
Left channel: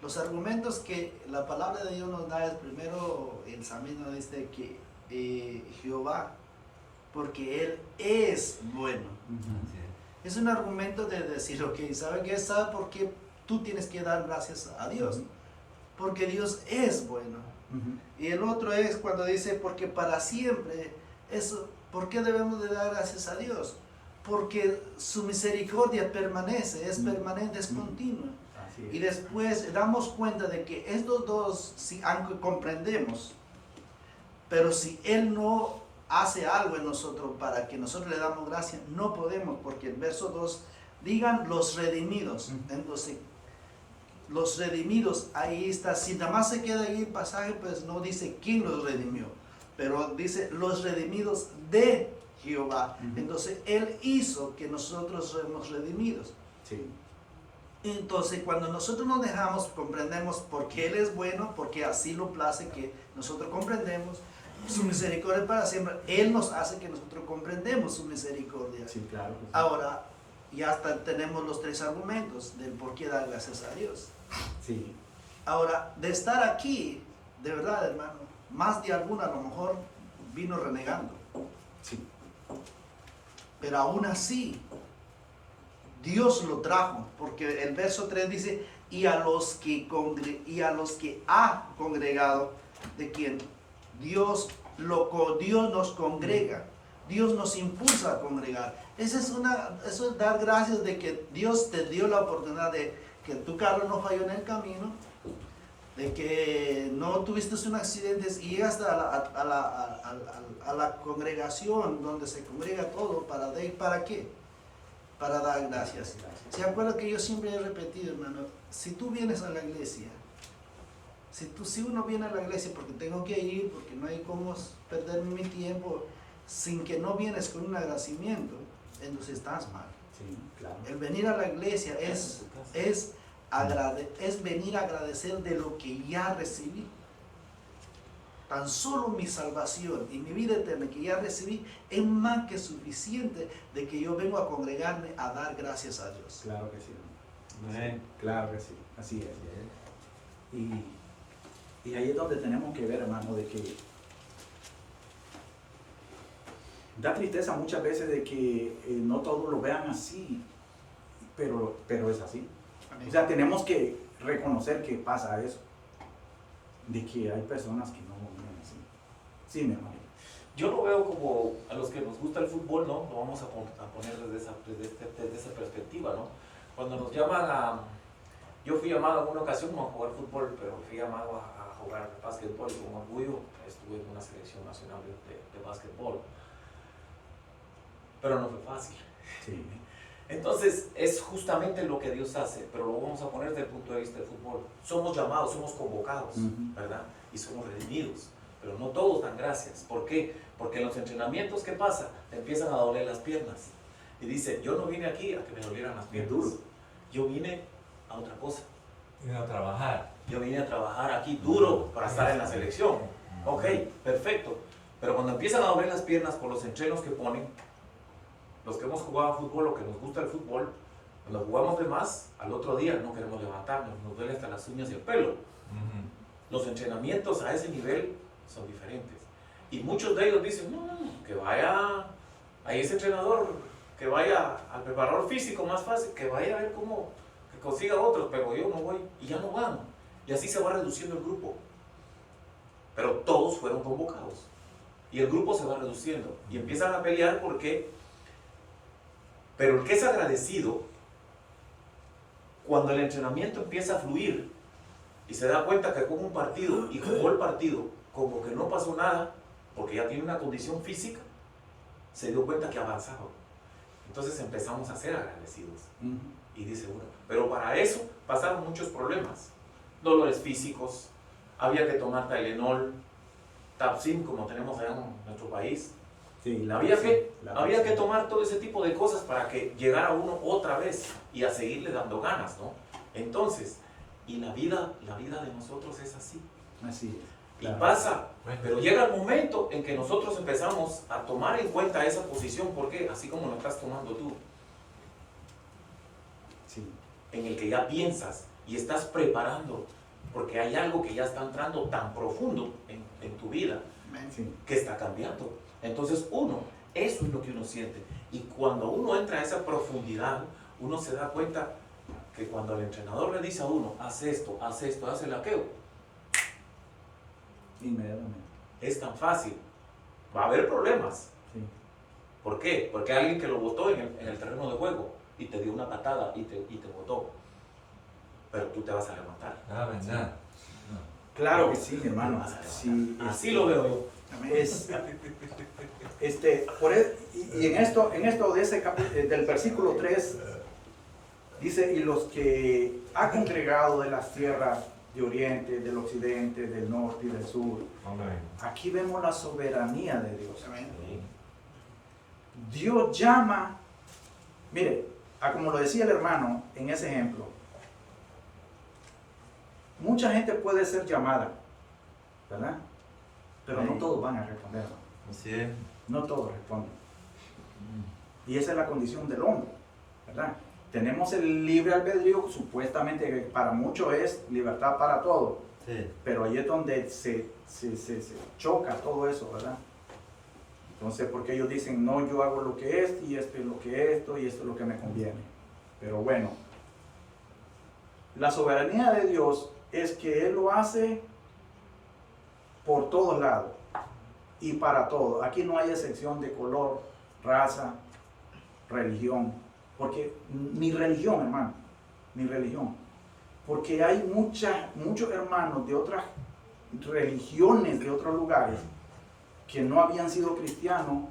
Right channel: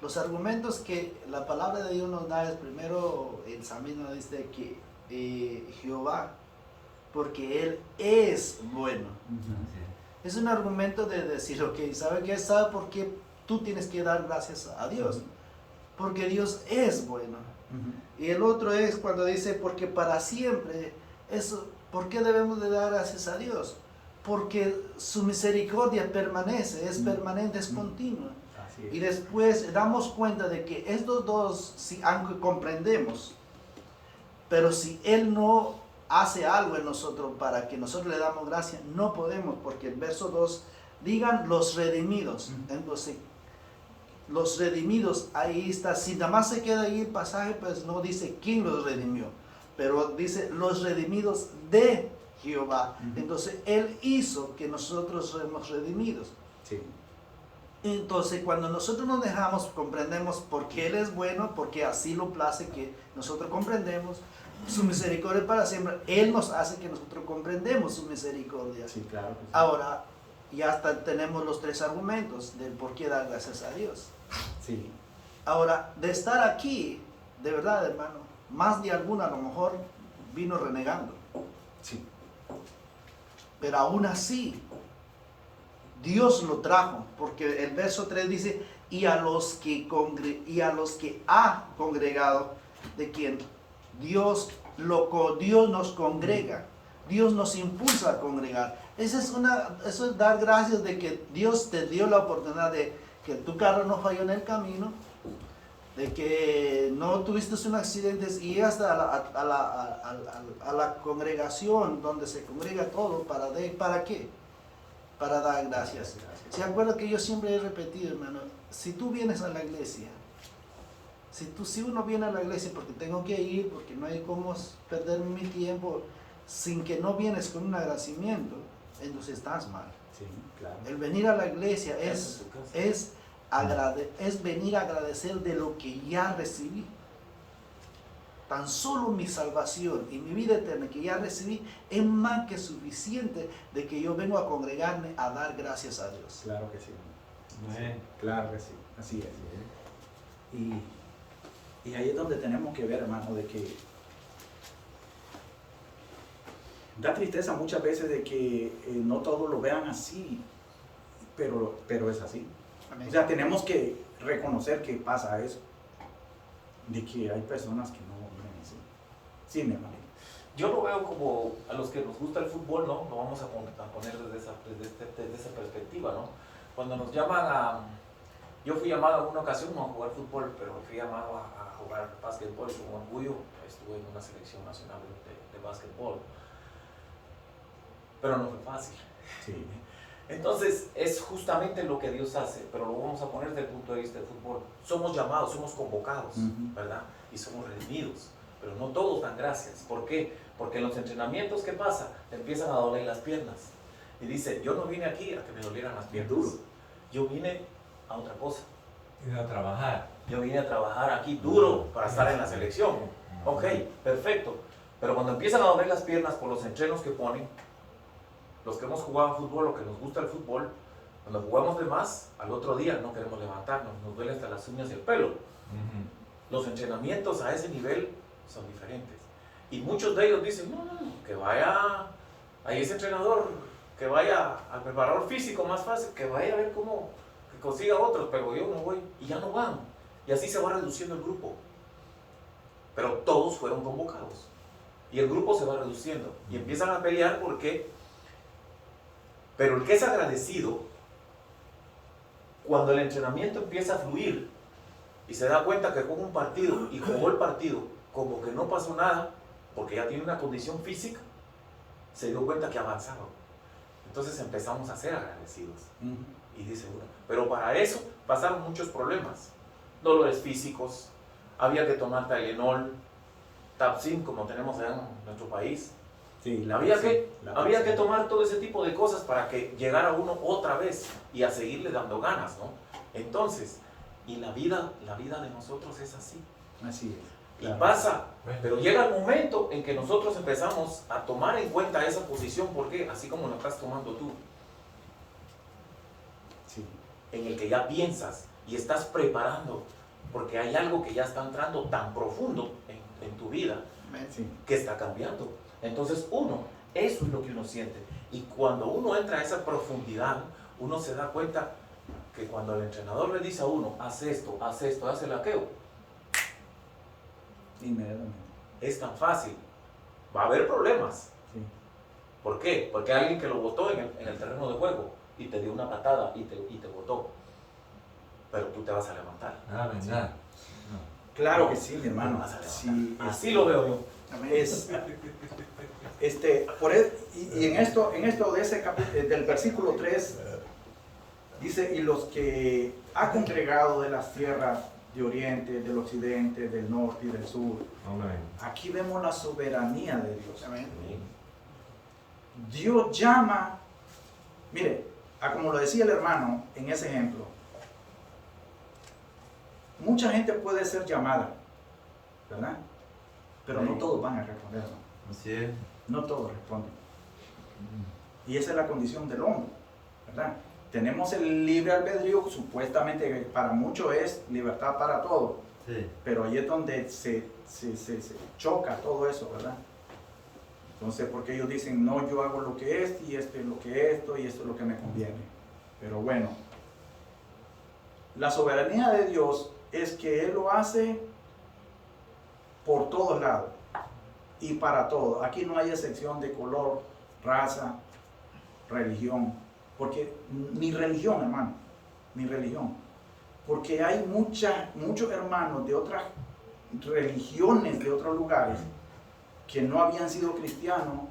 Los argumentos que la palabra de Dios nos da es primero, el salmista dice que Jehová, porque Él es bueno. Sí. Es un argumento de decir, ok, ¿sabe qué? ¿Sabe por qué tú tienes que dar gracias a Dios? Porque Dios es bueno. Y el otro es cuando dice, porque para siempre, eso, ¿por qué debemos de dar gracias a Dios? Porque su misericordia permanece, es permanente, es continua. Así es. Y después damos cuenta de que estos dos, si, aunque comprendemos, pero si Él no hace algo en nosotros para que nosotros le damos gracia, no podemos, porque el verso 2, digan los redimidos. Entonces, los redimidos, ahí está. Si nada más se queda ahí el pasaje, pues no dice quién los redimió, pero dice los redimidos de Jehová. Entonces, Él hizo que nosotros seamos redimidos. Sí. Entonces, cuando nosotros nos dejamos, comprendemos por qué Él es bueno, porque así lo place que nosotros comprendemos su misericordia para siempre. Él nos hace que nosotros comprendemos su misericordia. Sí, claro que sí. Ahora, ya hasta tenemos los 3 argumentos del por qué dar gracias a Dios. Sí. Ahora, de estar aquí, de verdad, hermano, más de alguna a lo mejor vino renegando. Sí. Pero aún así, Dios lo trajo, porque el verso 3 dice, y a los que ha congregado, ¿de quién? Dios nos congrega, Dios nos impulsa a congregar. Eso es dar gracias de que Dios te dio la oportunidad de que tu carro no falló en el camino, de que no tuviste un accidente y llegaste a la congregación donde se congrega todo, ¿para qué? Para dar gracias. ¿Se acuerda que yo siempre he repetido, hermano? Si tú vienes a la iglesia, si uno viene a la iglesia porque tengo que ir, porque no hay cómo perder mi tiempo, sin que no vienes con un agradecimiento, entonces estás mal. Sí, claro. El venir a la iglesia es venir a agradecer de lo que ya recibí. Tan solo mi salvación y mi vida eterna que ya recibí es más que suficiente de que yo vengo a congregarme a dar gracias a Dios. Claro que sí. Amén. Claro que sí, así es. Y ahí es donde tenemos que ver, hermano, de que da tristeza muchas veces de que no todos lo vean así, pero es así. Amén. O sea, tenemos que reconocer que pasa eso, de que hay personas que no viven así. Sí, mi hermano. Yo lo veo como a los que nos gusta el fútbol, ¿no? Lo vamos a poner desde esa perspectiva, ¿no? Cuando nos llaman a... Yo fui llamado en una ocasión no a jugar fútbol, pero fui llamado a jugar básquetbol con orgullo. Estuve en una selección nacional de básquetbol. Pero no fue fácil. Sí. Entonces, es justamente lo que Dios hace, pero lo vamos a poner desde el punto de vista del fútbol. Somos llamados, somos convocados, ¿verdad? Y somos redimidos, pero no todos dan gracias. ¿Por qué? Porque en los entrenamientos, ¿qué pasa? Te empiezan a doler las piernas. Y dice, yo no vine aquí a que me dolieran las piernas. duro. Yo vine a otra cosa. Ir a trabajar. Yo vine a trabajar aquí duro para estar en la selección. Ok, perfecto. Pero cuando empiezan a doler las piernas por los entrenos que ponen, los que hemos jugado fútbol, lo que nos gusta el fútbol, cuando jugamos de más, al otro día no queremos levantarnos, nos duele hasta las uñas y el pelo. Los entrenamientos a ese nivel son diferentes. Y muchos de ellos dicen, no, que vaya a ese entrenador, que vaya al preparador físico más fácil, que vaya a ver cómo que consiga otros, pero yo no voy y ya no van. Y así se va reduciendo el grupo. Pero todos fueron convocados. Y el grupo se va reduciendo. Y empiezan a pelear porque... Pero el que es agradecido, cuando el entrenamiento empieza a fluir y se da cuenta que jugó un partido y jugó el partido como que no pasó nada, porque ya tiene una condición física, se dio cuenta que ha avanzado. Entonces empezamos a ser agradecidos. Y dice uno, pero para eso pasaron muchos problemas. Dolores físicos, había que tomar Tylenol, Tapsin, como tenemos allá en nuestro país. Sí, Había que tomar todo ese tipo de cosas para que llegara uno otra vez y a seguirle dando ganas, ¿no? Entonces, y la vida de nosotros es así. Así es. Y pasa, pero llega el momento en que nosotros empezamos a tomar en cuenta esa posición, porque así como la estás tomando tú, Sí. en el que ya piensas y estás preparando, porque hay algo que ya está entrando tan profundo en tu vida Amén. Sí. que está cambiando. Entonces eso es lo que uno siente. Y cuando uno entra a esa profundidad, uno se da cuenta que cuando el entrenador le dice a uno, haz esto, haz el aquello, Inmediatamente. es tan fácil. Va a haber problemas. Sí. ¿Por qué? Porque hay alguien que lo botó en el terreno de juego y te dio una patada y te botó. Pero tú te vas a levantar. Ah, verdad. Claro que sí, mi Te hermano. vas a levantar. Sí, Así lo veo yo. es y en esto de ese del versículo 3 dice, y los que ha congregado de las tierras de oriente, del occidente, del norte y del sur. Amén. Aquí vemos la soberanía de Dios. Amén. Dios llama, mire, como lo decía el hermano en ese ejemplo, mucha gente puede ser llamada, ¿verdad? Pero no todos van a responder, hermano. Así es. No todos responden. Y esa es la condición del hombre, ¿verdad? Tenemos el libre albedrío, supuestamente para muchos es libertad para todos, Sí. pero ahí es donde se choca todo eso, ¿verdad? Entonces, porque ellos dicen, no, yo hago lo que es, y esto es lo que esto, y esto es lo que me conviene. Pero bueno, la soberanía de Dios es que Él lo hace por todos lados y para todos. Aquí no hay excepción de color, raza, religión, porque ni religión, hermano, ni religión. Porque hay muchos hermanos de otras religiones, de otros lugares, que no habían sido cristianos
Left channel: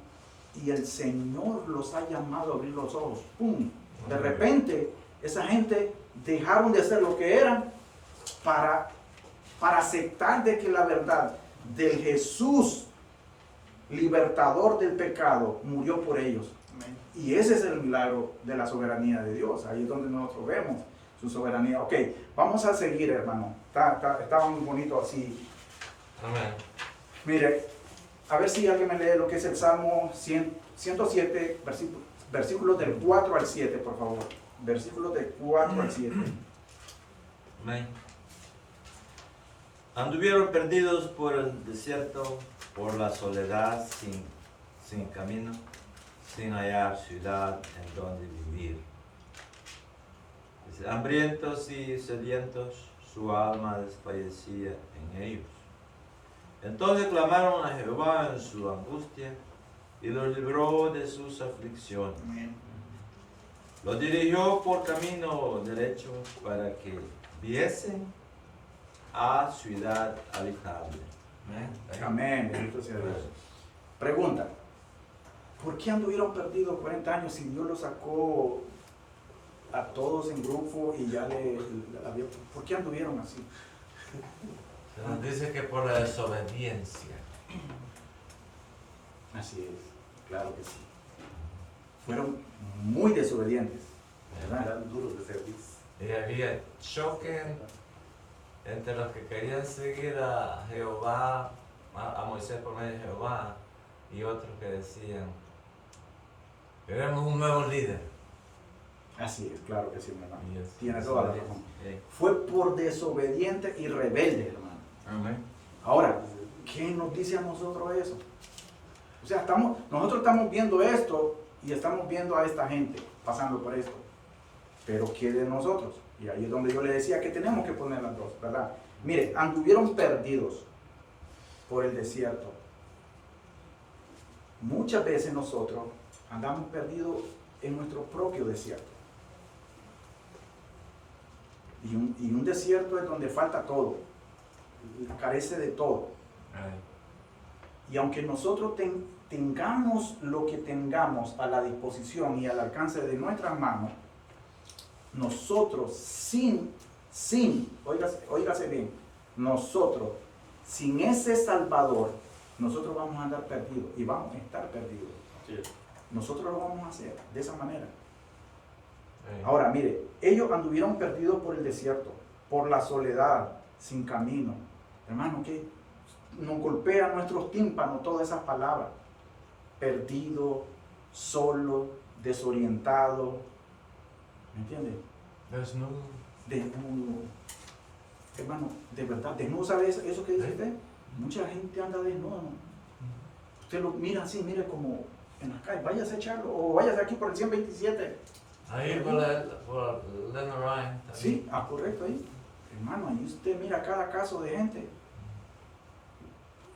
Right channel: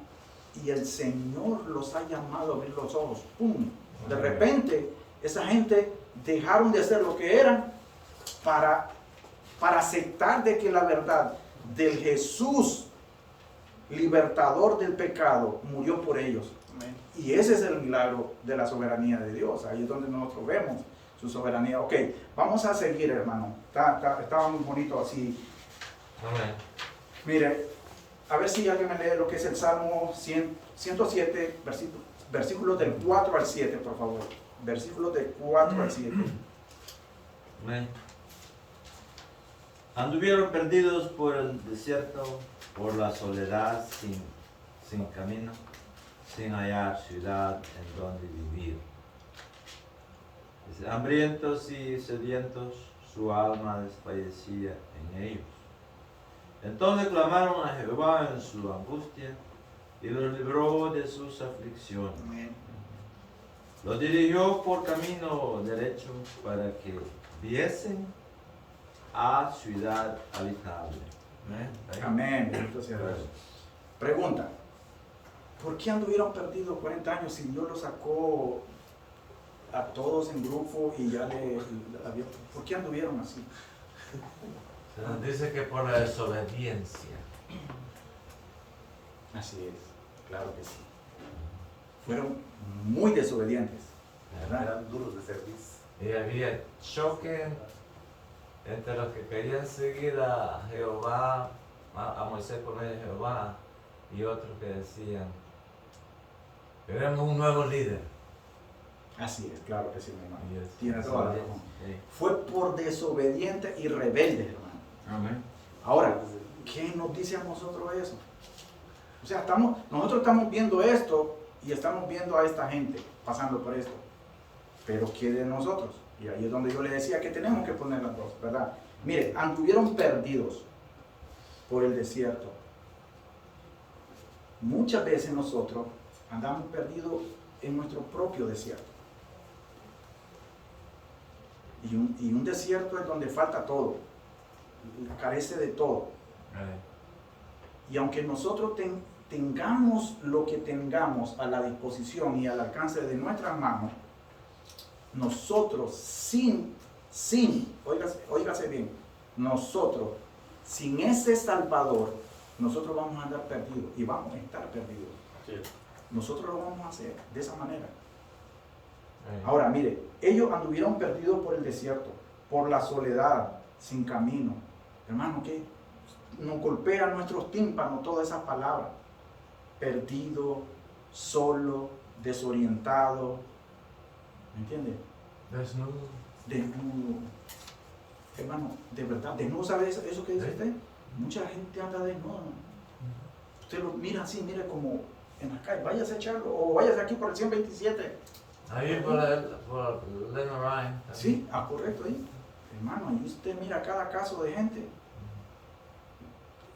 y el Señor los ha llamado a abrir los ojos. ¡Pum! De repente, esa gente dejaron de ser lo que eran para aceptar de que la verdad del Jesús libertador del pecado murió por ellos. Y ese es el milagro de la soberanía de Dios. Ahí es donde nosotros vemos su soberanía. Ok, vamos a seguir, hermano. Estaba muy bonito así. Amén. Mire, a ver si alguien me lee lo que es el Salmo 107, versículos del 4 al 7, por favor. Versículos del 4 al 7. Amén. Anduvieron perdidos por el desierto, por la soledad, sin camino, sin hallar ciudad en donde vivir. Hambrientos y sedientos, su alma desfallecía en ellos. Entonces clamaron a Jehová en su angustia y los libró de sus aflicciones. Los dirigió por camino derecho para que viesen a ciudad habitable. Amén. Bendito sea Dios. Pregunta: ¿por qué anduvieron perdidos 40 años si Dios los sacó a todos en grupo y ya ¿por qué anduvieron así? Se nos dice que por la desobediencia. Así es, claro que sí. Fueron muy desobedientes, ¿verdad? Eran duros de servicio. Y había choque entre los que querían seguir a Jehová, a Moisés por medio de Jehová, y otros que decían, queremos un nuevo líder. Así es, claro que sí, mi hermano. Y es Tiene toda la razón. Sí. Fue por desobediente y rebelde, hermano. Amén. Ahora, ¿qué nos dice a nosotros eso? O sea, nosotros estamos viendo esto y estamos viendo a esta gente pasando por esto. Pero ¿qué de nosotros? Y ahí es donde yo le decía que tenemos que poner las dos, ¿verdad? Mire, anduvieron perdidos por el desierto. Muchas veces nosotros andamos perdidos en nuestro propio desierto. Y un desierto es donde falta todo, carece de todo. Y aunque nosotros tengamos lo que tengamos a la disposición y al alcance de nuestras manos, nosotros óigase bien, nosotros sin ese Salvador, nosotros vamos a andar perdidos y vamos a estar perdidos. Nosotros lo vamos a hacer de esa manera. Ahora, mire, ellos anduvieron perdidos por el desierto, por la soledad, sin camino. Hermano, que nos golpea nuestros tímpanos todas esas palabras. Perdido, solo, desorientado. ¿Me entiende? Desnudo. Desnudo. Hermano, de verdad, desnudo, ¿sabe eso que dice usted? Mucha gente anda desnuda. Usted lo mira así, mire como en la calle, váyase a echarlo, o váyase aquí por el 127. Ahí por Lennon Ryan. Sí, correcto ahí. Hermano, ahí usted mira cada caso de gente.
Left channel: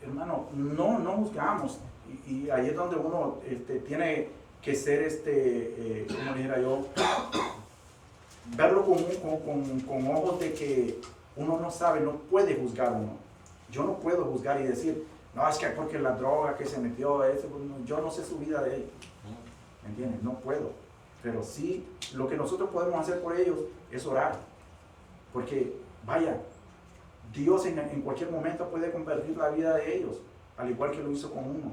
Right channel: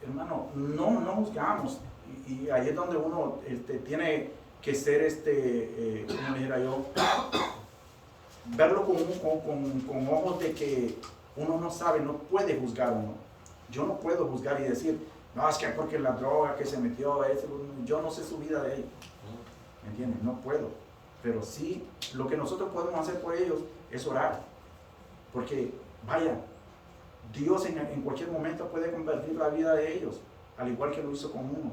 Hermano, no juzgamos. Y ahí es donde uno tiene que ser, como le dijera yo, verlo con ojos de que uno no sabe, no puede juzgar uno. Yo no puedo juzgar y decir, no, es que porque la droga que se metió, yo no sé su vida de él. ¿Me entiendes? No puedo. Pero sí, lo que nosotros podemos hacer por ellos es orar. Porque, vaya, Dios en cualquier momento puede convertir la vida de ellos, al igual que lo hizo con uno.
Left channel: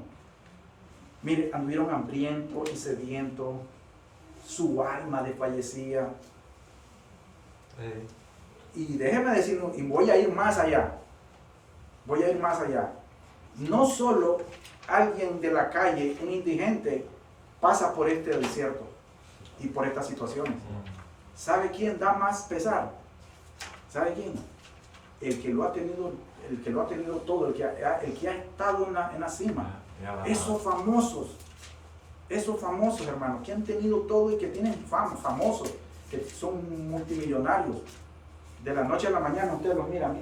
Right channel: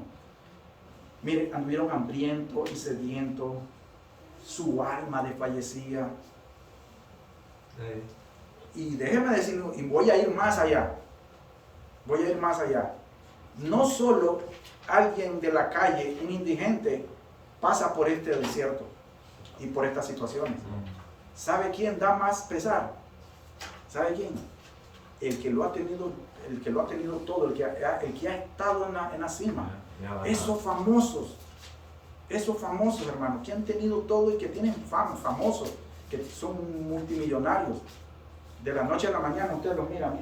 Mire, anduvieron hambrientos y sedientos, su alma desfallecía. Y déjeme decirlo, y voy a ir más allá. Voy a ir más allá. No solo alguien de la calle, un indigente, pasa por este desierto y por estas situaciones. ¿Sabe quién da más pesar? ¿Sabe quién? El que lo ha tenido todo, el que ha estado en la cima. Esos famosos, hermanos, que han tenido todo y que tienen fama, famosos, que son multimillonarios. De la noche a la mañana usted los mira.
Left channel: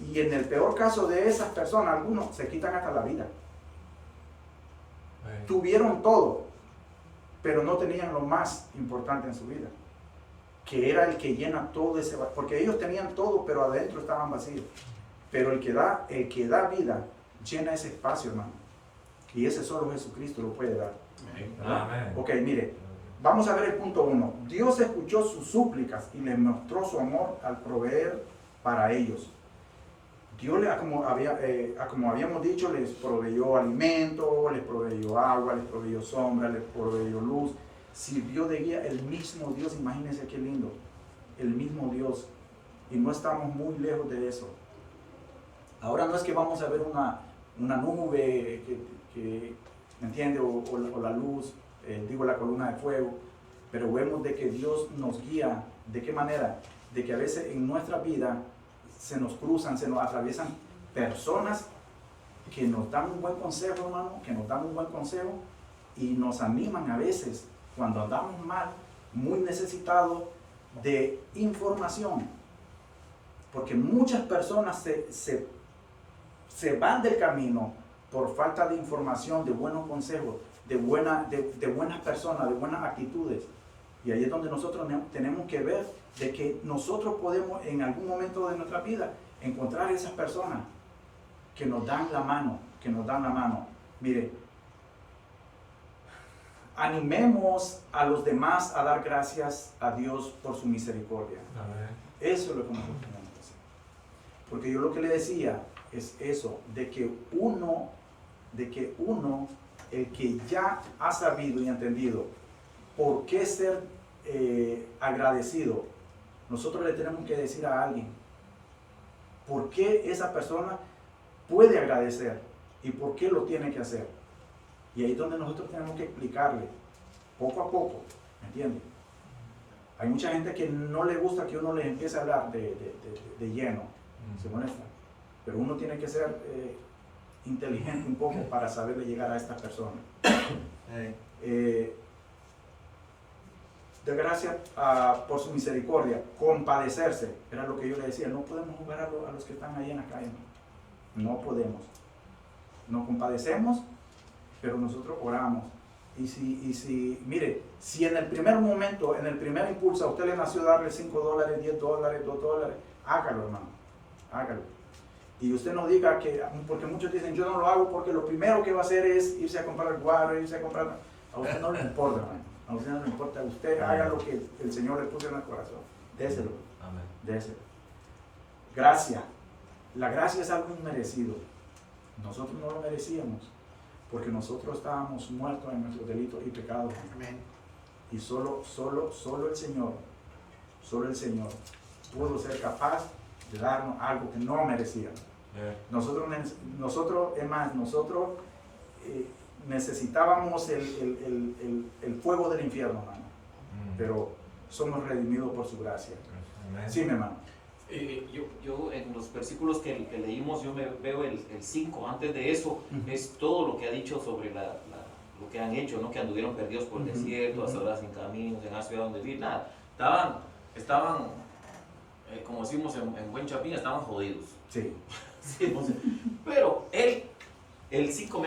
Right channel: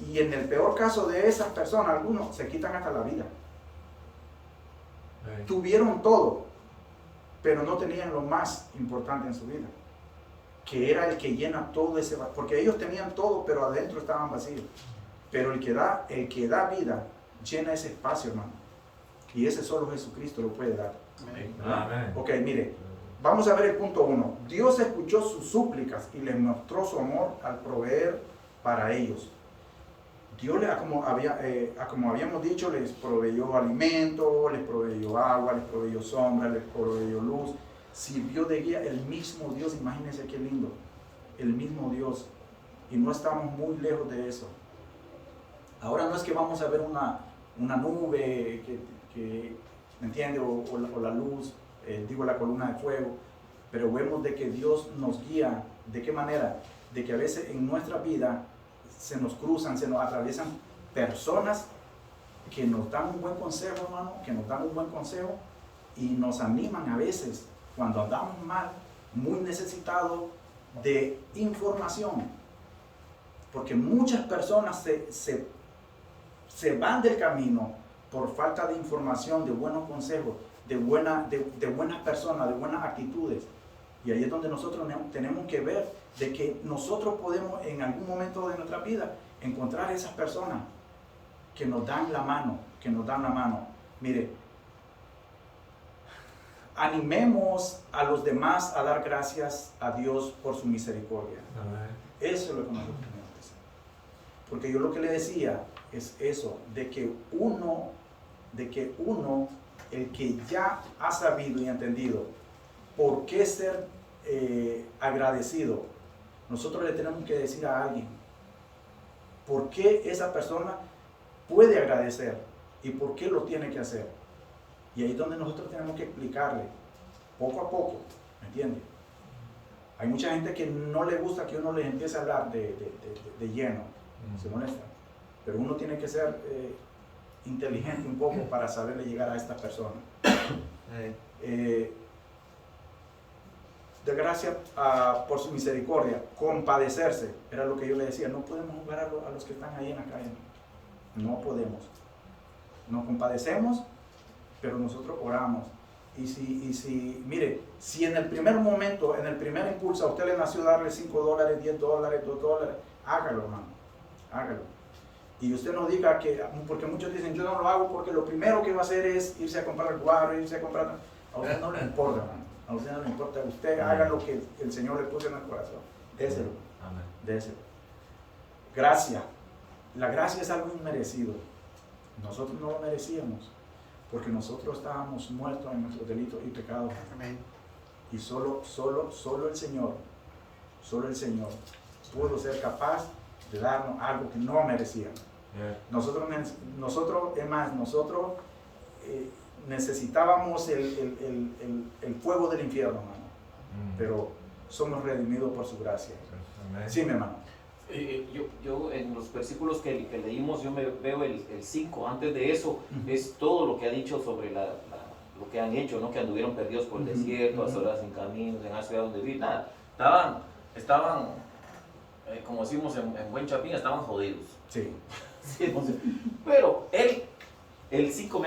Y en el peor caso de esas personas, algunos se quitan hasta la vida. Tuvieron todo, pero no tenían lo más importante en su vida. que era el que llena todo ese vacío, porque ellos tenían todo, pero adentro estaban vacíos. Pero el que da vida llena ese espacio, hermano. Y ese solo Jesucristo lo puede dar. ¿Verdad? Amén. Ok, mire, vamos a ver el punto 1. Dios escuchó sus súplicas y les mostró su amor al proveer para ellos. Dios, como habíamos dicho, les proveyó alimento, les proveyó agua, les proveyó sombra, les proveyó luz. Sirvió de guía el mismo Dios, imagínense qué lindo. El mismo Dios. Y no estamos muy lejos de eso. Ahora no es que vamos a ver una nube que ¿me entiende? O la luz, la columna de fuego. Pero vemos de que Dios nos guía. ¿De qué manera? De que a veces en nuestra vida se nos cruzan, se nos atraviesan personas que nos dan un buen consejo, hermano, que nos dan un buen consejo y nos animan a veces cuando andamos mal, muy necesitados de información. Porque muchas personas se van del camino por falta de información, de buenos consejos, de buenas personas, de buenas actitudes. Y ahí es donde nosotros tenemos que ver de que nosotros podemos en algún momento de nuestra vida encontrar esas personas que nos dan la mano, Mire, animemos a los demás a dar gracias a Dios por su misericordia. Amén. Eso es lo que nosotros tenemos que hacer. Porque yo lo que le decía es eso, de que uno, el que ya ha sabido y entendido por qué ser agradecido, nosotros le tenemos que decir a alguien por qué esa persona puede agradecer y por qué lo tiene que hacer. Y ahí es donde nosotros tenemos que explicarle poco a poco, ¿me entiende? Hay mucha gente que no le gusta que uno les empiece a hablar de lleno, se molesta. Pero uno tiene que ser inteligente un poco para saberle llegar a estas personas. De gracia por su misericordia, compadecerse, era lo que yo le decía, no podemos jugar a los que están ahí en la calle, no podemos. Nos compadecemos, pero nosotros oramos. Y si, mire, si en el primer momento, en el primer impulso a usted le nació darle $5, $10, $2, hágalo, hermano, hágalo. Y usted no diga que, porque muchos dicen, yo no lo hago porque lo primero que va a hacer es irse a comprar guaro, irse a comprar. A usted no le importa, hermano. A usted no le importa. Usted haga lo que el Señor le puso en el corazón. Déselo. Amén. Déselo. Gracia. La gracia es algo inmerecido. Nosotros no lo merecíamos. Porque nosotros estábamos muertos en nuestros delitos y pecados. Amén. Y solo el Señor pudo ser capaz de darnos algo que no merecíamos. Nosotros necesitábamos el fuego del infierno, hermano. Pero somos redimidos por su gracia. Amén. Sí, mi hermano. Yo en los versículos que leímos, yo me veo el 5, antes de eso, es todo lo que ha dicho sobre lo que han hecho, ¿no? Que anduvieron perdidos por el desierto, a solas sin caminos, en la ciudad donde vivir, nada. Estaban como decimos en buen chapín, estaban jodidos. Sí. Sí, pero el 5 me